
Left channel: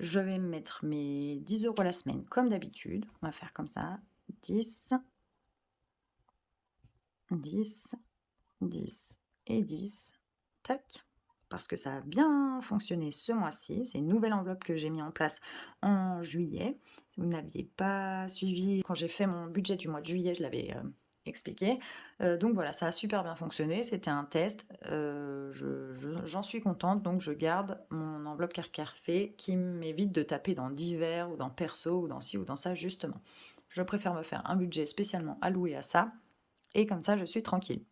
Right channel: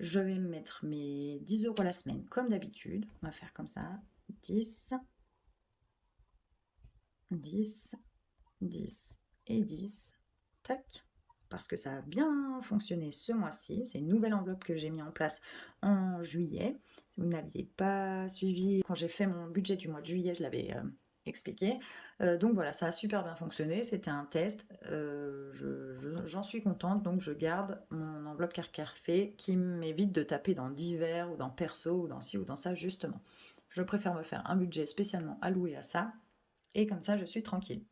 Je vais mettre mes 10 € la semaine comme d'habitude. On va faire comme ça. 10, 10, 10 et 10. Tac. Parce que ça a bien fonctionné ce mois-ci. C'est une nouvelle enveloppe que j'ai mis en place en juillet. Si vous n'aviez pas suivi, quand j'ai fait mon budget du mois de juillet, je l'avais expliqué. Donc voilà, ça a super bien fonctionné. C'était un test. J'en suis contente. Donc je garde mon enveloppe café qui m'évite de taper dans divers ou dans perso ou dans ci ou dans ça justement. Je préfère me faire un budget spécialement alloué à ça. Et comme ça, je suis tranquille.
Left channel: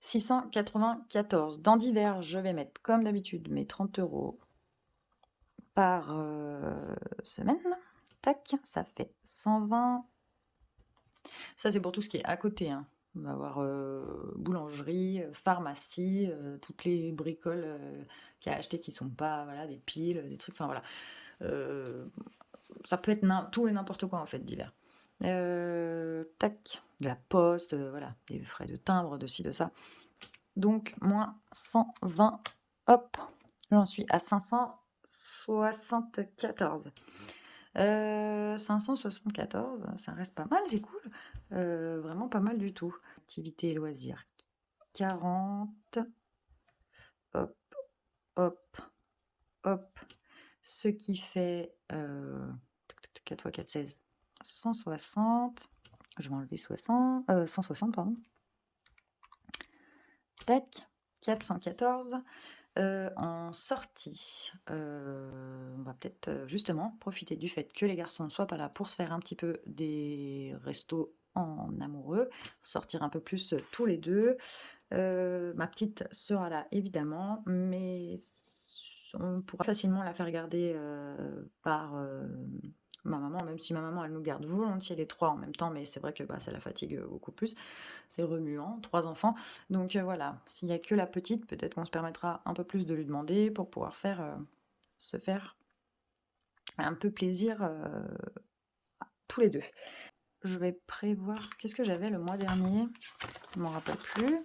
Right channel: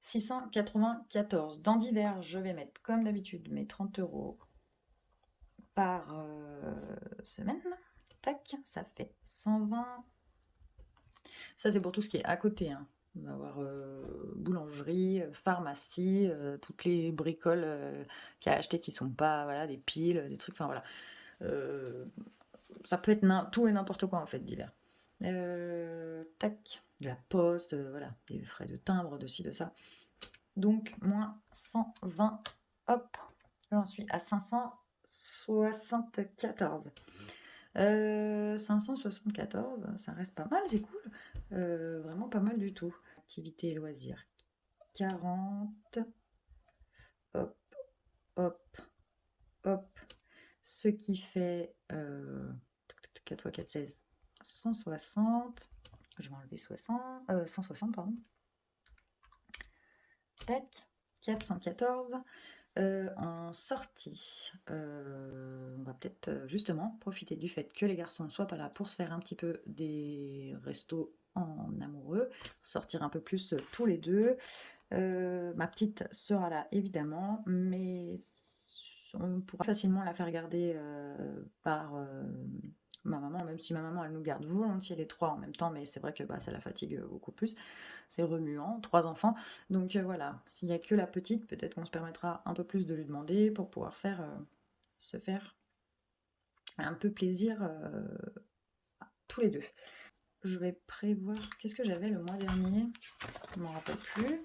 694. Dans divers, je vais mettre comme d'habitude mes 30 € par semaine. Tac, ça fait 120. Ça, c'est pour tout ce qui est à côté, hein. On va avoir boulangerie, pharmacie, toutes les bricoles qu'il y a à acheter qui sont pas, voilà, des piles, des trucs, enfin voilà. Ça peut être tout et n'importe quoi en fait, divers. Tac, de la poste, voilà, des frais de timbre, de ci, de ça. Donc, moins 120, hop, j'en suis à 574. 574, ça reste pas mal, c'est cool. Vraiment pas mal du tout. Activité et loisirs, 40. Hop, hop, hop. Ce qui fait 4 x 4, 16. 160. Je vais enlever 160, pardon. Tac, 414. En sortie, on va peut-être, justement profiter du fait que les garçons ne soient pas là pour se faire un petit peu des restos en amoureux, sortir un peu plus, tous les 2. Ma petite sera là évidemment, mais on pourra facilement la faire garder, par, ma maman, même si ma maman, elle nous garde volontiers les 3 en même temps, mais c'est vrai que, bah, ça la fatigue, beaucoup plus. C'est remuant, 3 enfants, donc voilà. S'il y a que la petite, peut-être qu'on se permettra un peu plus de lui demander pour pouvoir se faire un peu plaisir, tous les 2. Je vais prévoir qu'est-ce que j'avais le mois dernier? Je m'en rappelle plus.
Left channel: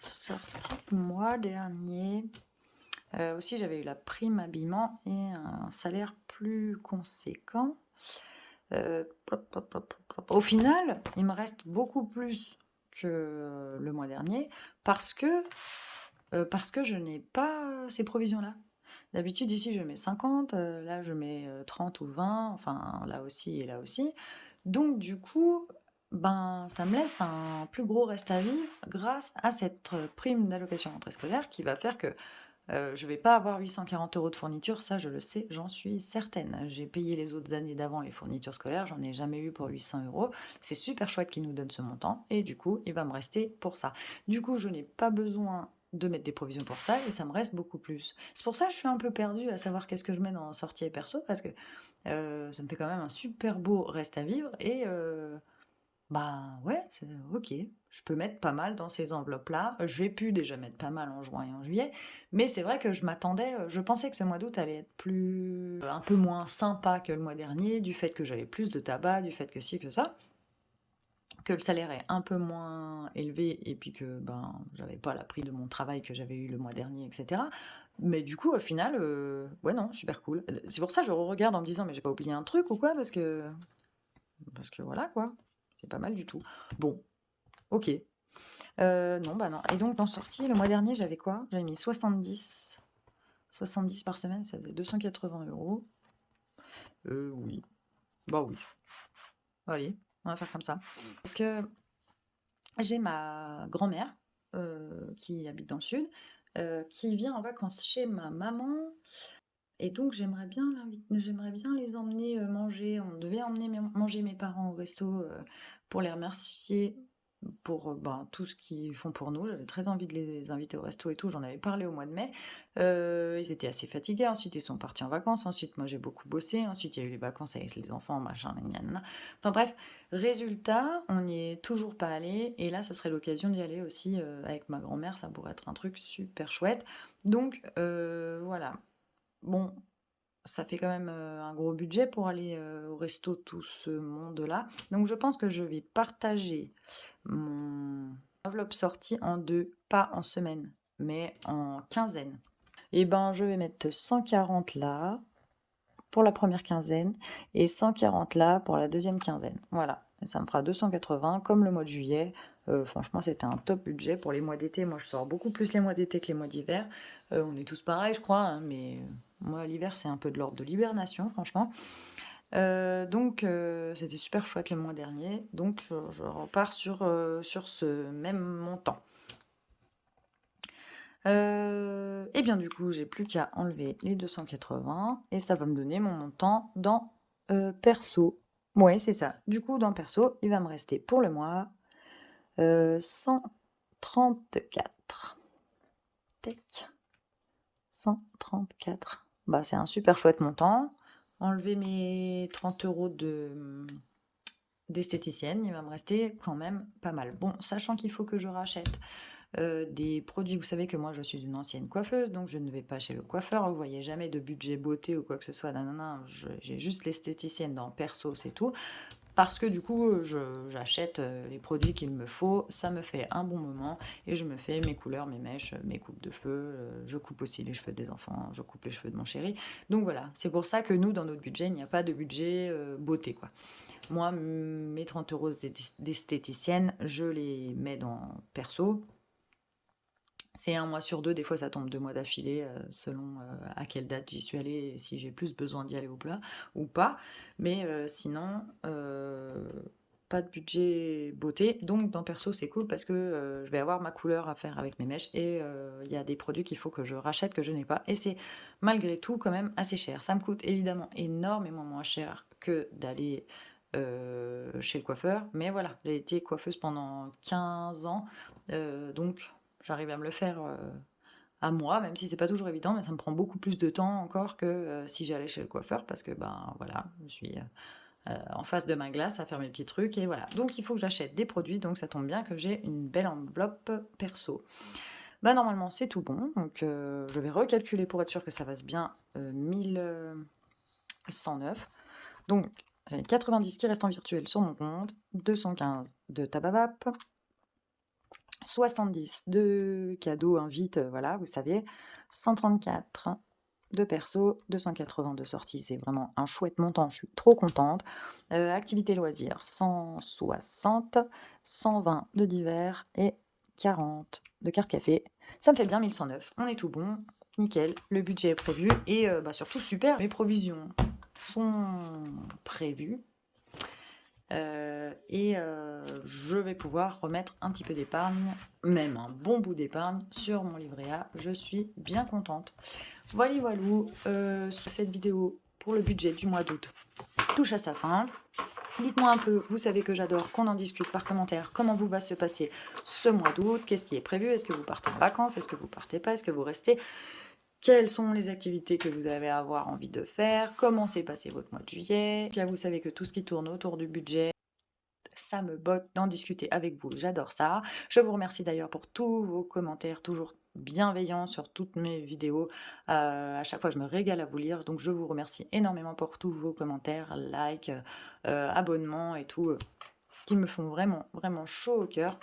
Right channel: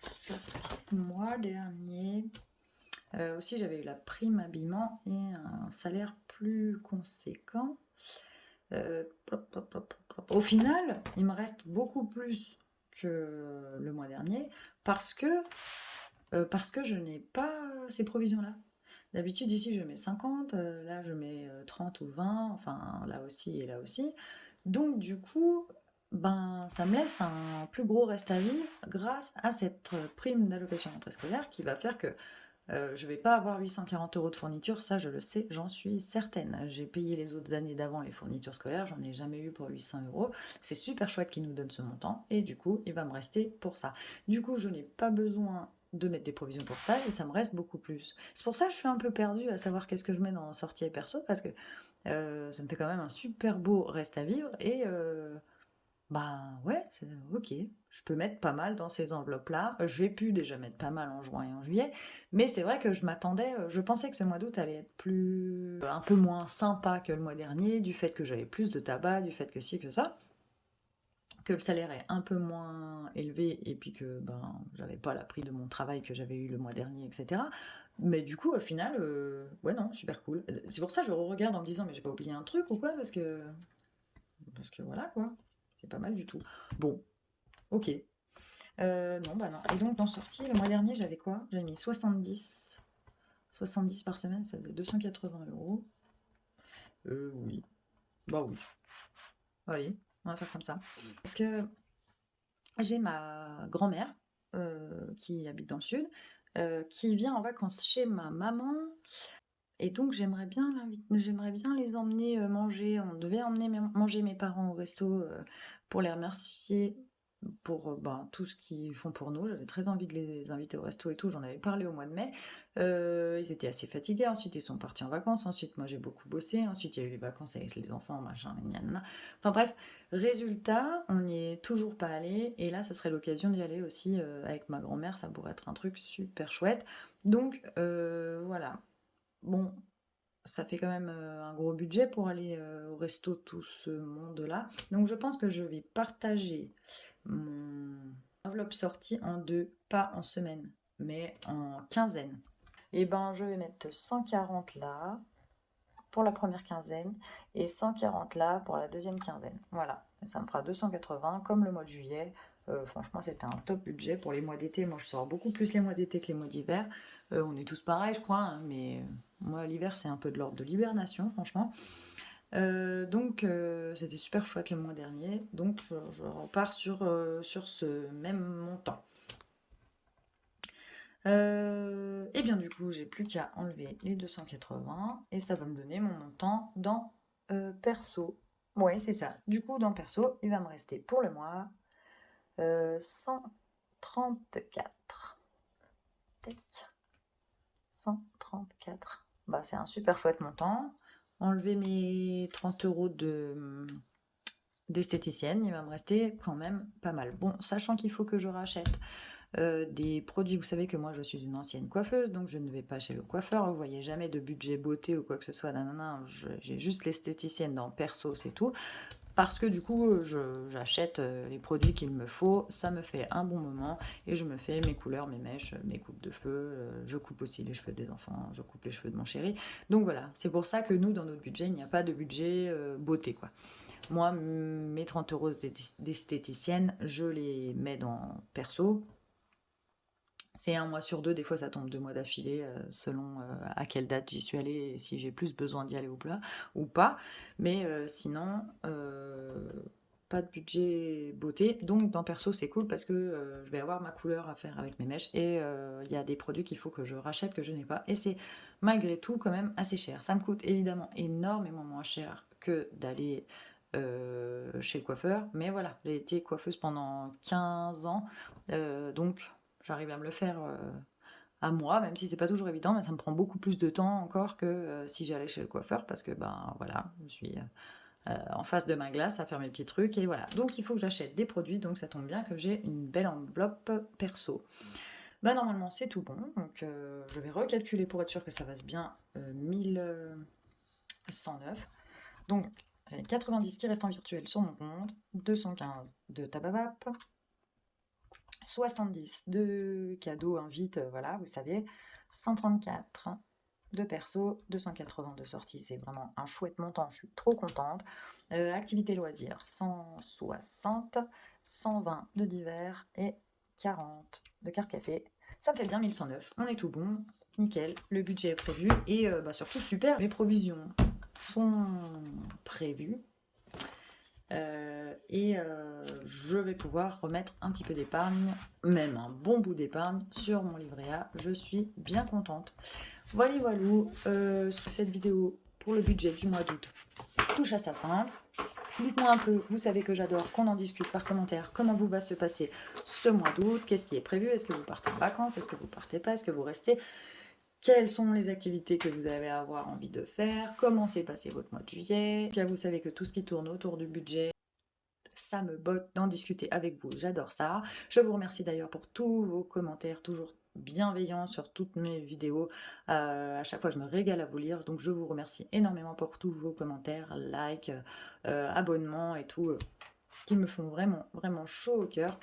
Sortie mois dernier. Aussi, j'avais eu la prime habillement et un salaire plus conséquent. Plop, plop, plop, plop. Au final, il me reste beaucoup plus que le mois dernier parce que je n'ai pas ces provisions-là. D'habitude, ici, je mets 50, là, je mets 30 ou 20, enfin, là aussi et là aussi. Donc, du coup, ben, ça me laisse un plus gros reste à vivre grâce à cette prime d'allocation rentrée scolaire qui va faire que je vais pas avoir 840 € de fourniture, ça je le sais, j'en suis certaine. J'ai payé les autres années d'avant les fournitures scolaires, j'en ai jamais eu pour 800 €. C'est super chouette qu'ils nous donnent ce montant et du coup, il va me rester pour ça. Du coup, je n'ai pas besoin de mettre des provisions pour ça et ça me reste beaucoup plus. C'est pour ça que je suis un peu perdue à savoir qu'est-ce que je mets dans sortie et perso parce que, ça me fait quand même un super beau reste à vivre et bah, ouais, c'est OK. Je peux mettre pas mal dans ces enveloppes-là. J'ai pu déjà mettre pas mal en juin et en juillet, mais c'est vrai que je pensais que ce mois d'août allait être un peu moins sympa que le mois dernier, du fait que j'avais plus de tabac, du fait que ci, que ça, que le salaire est un peu moins élevé et puis que, ben, j'avais pas la prime de mon travail que j'avais eu le mois dernier et cetera. Mais du coup, au final, ouais, non, super cool. C'est pour ça que je regarde en me disant: «Mais j'ai pas oublié un truc ou quoi?» parce que voilà, quoi. C'est pas mal du tout. Bon, OK. Non, bah, non et donc dans sortie, le mois dernier, j'avais quoi? J'avais mis 70 par semaine, ça faisait 280 €. Oui. Bah, oui. Allez, on va faire comme ça. Parce que j'ai ma grand-mère, qui habite dans le sud, qui vient en vacances chez ma maman et donc j'aimerais bien les emmener, manger. On devait emmener manger mes parents au resto, pour les remercier pour, ben, tout ce qu'ils font pour nous. J'avais très envie de les inviter au resto et tout, j'en avais parlé au mois de mai. Ils étaient assez fatigués, ensuite ils sont partis en vacances, ensuite moi j'ai beaucoup bossé, ensuite il y a eu les vacances avec les enfants, machin, gna gna gna. Enfin bref, résultat, on n'y est toujours pas allé et là, ça serait l'occasion d'y aller aussi, avec ma grand-mère, ça pourrait être un truc super chouette. Donc voilà. Bon, ça fait quand même, un gros budget pour aller, au resto, tout ce monde-là. Donc je pense que je vais partager mon enveloppe sortie en 2, pas en semaine, mais en quinzaine. Et ben, je vais mettre 140 là, pour la première quinzaine, et 140 là, pour la deuxième quinzaine. Voilà, et ça me fera 280, comme le mois de juillet. Franchement, c'était un top budget pour les mois d'été. Moi, je sors beaucoup plus les mois d'été que les mois d'hiver. On est tous pareils, je crois, hein, mais moi, l'hiver, c'est un peu de l'ordre de l'hibernation, franchement. Donc c'était super chouette le mois dernier, donc je repars sur ce même montant. Et bien du coup, j'ai plus qu'à enlever les 280 et ça va me donner mon montant dans, perso. Ouais, c'est ça. Du coup, dans perso, il va me rester pour le mois, 134. Tac, 134. Bah, c'est un super chouette montant. Enlever mes 30 € d'esthéticienne, il va me rester quand même pas mal. Bon, sachant qu'il faut que je rachète des produits, vous savez que moi je suis une ancienne coiffeuse, donc je ne vais pas chez le coiffeur, vous voyez jamais de budget beauté ou quoi que ce soit, nanana, j'ai juste l'esthéticienne dans perso, c'est tout. Parce que du coup, j'achète les produits qu'il me faut, ça me fait un bon moment et je me fais mes couleurs, mes mèches, mes coupes de cheveux, je coupe aussi les cheveux des enfants, je coupe les cheveux de mon chéri. Donc voilà, c'est pour ça que nous, dans notre budget, il n'y a pas de budget beauté, quoi. Moi, mes 30 € d'esthéticienne, je les mets dans perso. C'est un mois sur 2, des fois ça tombe 2 mois d'affilée, selon, à quelle date j'y suis allée et si j'ai plus besoin d'y aller ou pas. Mais sinon, pas de budget beauté, donc dans perso, c'est cool parce que, je vais avoir ma couleur à faire avec mes mèches et il y a des produits qu'il faut que je rachète que je n'ai pas et c'est malgré tout quand même assez cher. Ça me coûte évidemment énormément moins cher que d'aller, chez le coiffeur, mais voilà, j'ai été coiffeuse pendant 15 ans, donc j'arrive à me le faire, à moi, même si c'est pas toujours évident, mais ça me prend beaucoup plus de temps encore que, si j'allais chez le coiffeur parce que, ben, voilà, je suis, en face de ma glace à faire mes petits trucs et voilà. Donc il faut que j'achète des produits, donc ça tombe bien que j'ai une belle enveloppe perso. Bah, normalement, c'est tout bon, donc je vais recalculer pour être sûr que ça fasse bien, 1 109. Donc j'ai 90 qui restent en virtuel sur mon compte, 215 de Tababap, 70 de cadeaux, invites, voilà, vous savez, 134 de perso, 280 de sortie, c'est vraiment un chouette montant, je suis trop contente. Activités loisirs, 160, 120 de divers et 40 de carte café. Ça me fait bien 1109, on est tout bon, nickel, le budget est prévu et bah, surtout super, mes provisions sont prévues. Je vais pouvoir remettre un petit peu d'épargne, même un bon bout d'épargne sur mon livret A. Je suis bien contente. Voilà, voilou, cette vidéo pour le budget du mois d'août touche à sa fin. Dites-moi un peu, vous savez que j'adore qu'on en discute par commentaire, comment vous va se passer ce mois d'août, qu'est-ce qui est prévu, est-ce que vous partez en vacances, est-ce que vous partez pas, est-ce que vous restez, quelles sont les activités que vous avez à avoir envie de faire, comment s'est passé votre mois de juillet. Puis vous savez que tout ce qui tourne autour du budget, ça me botte d'en discuter avec vous, j'adore ça. Je vous remercie d'ailleurs pour tous vos commentaires, toujours bienveillants sur toutes mes vidéos. À chaque fois, je me régale à vous lire, donc je vous remercie énormément pour tous vos commentaires, likes, abonnements et tout, qui me font vraiment, vraiment chaud au cœur.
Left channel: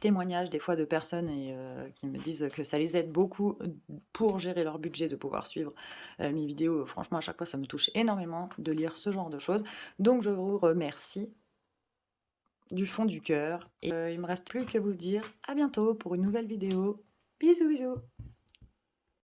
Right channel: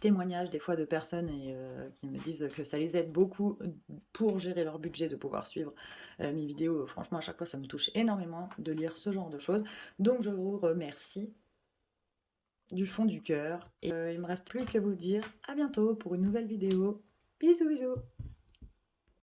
Témoignages des fois de personnes et qui me disent que ça les aide beaucoup pour gérer leur budget, de pouvoir suivre mes vidéos. Franchement, à chaque fois, ça me touche énormément de lire ce genre de choses. Donc, je vous remercie du fond du cœur. Et il me reste plus que vous dire à bientôt pour une nouvelle vidéo. Bisous bisous.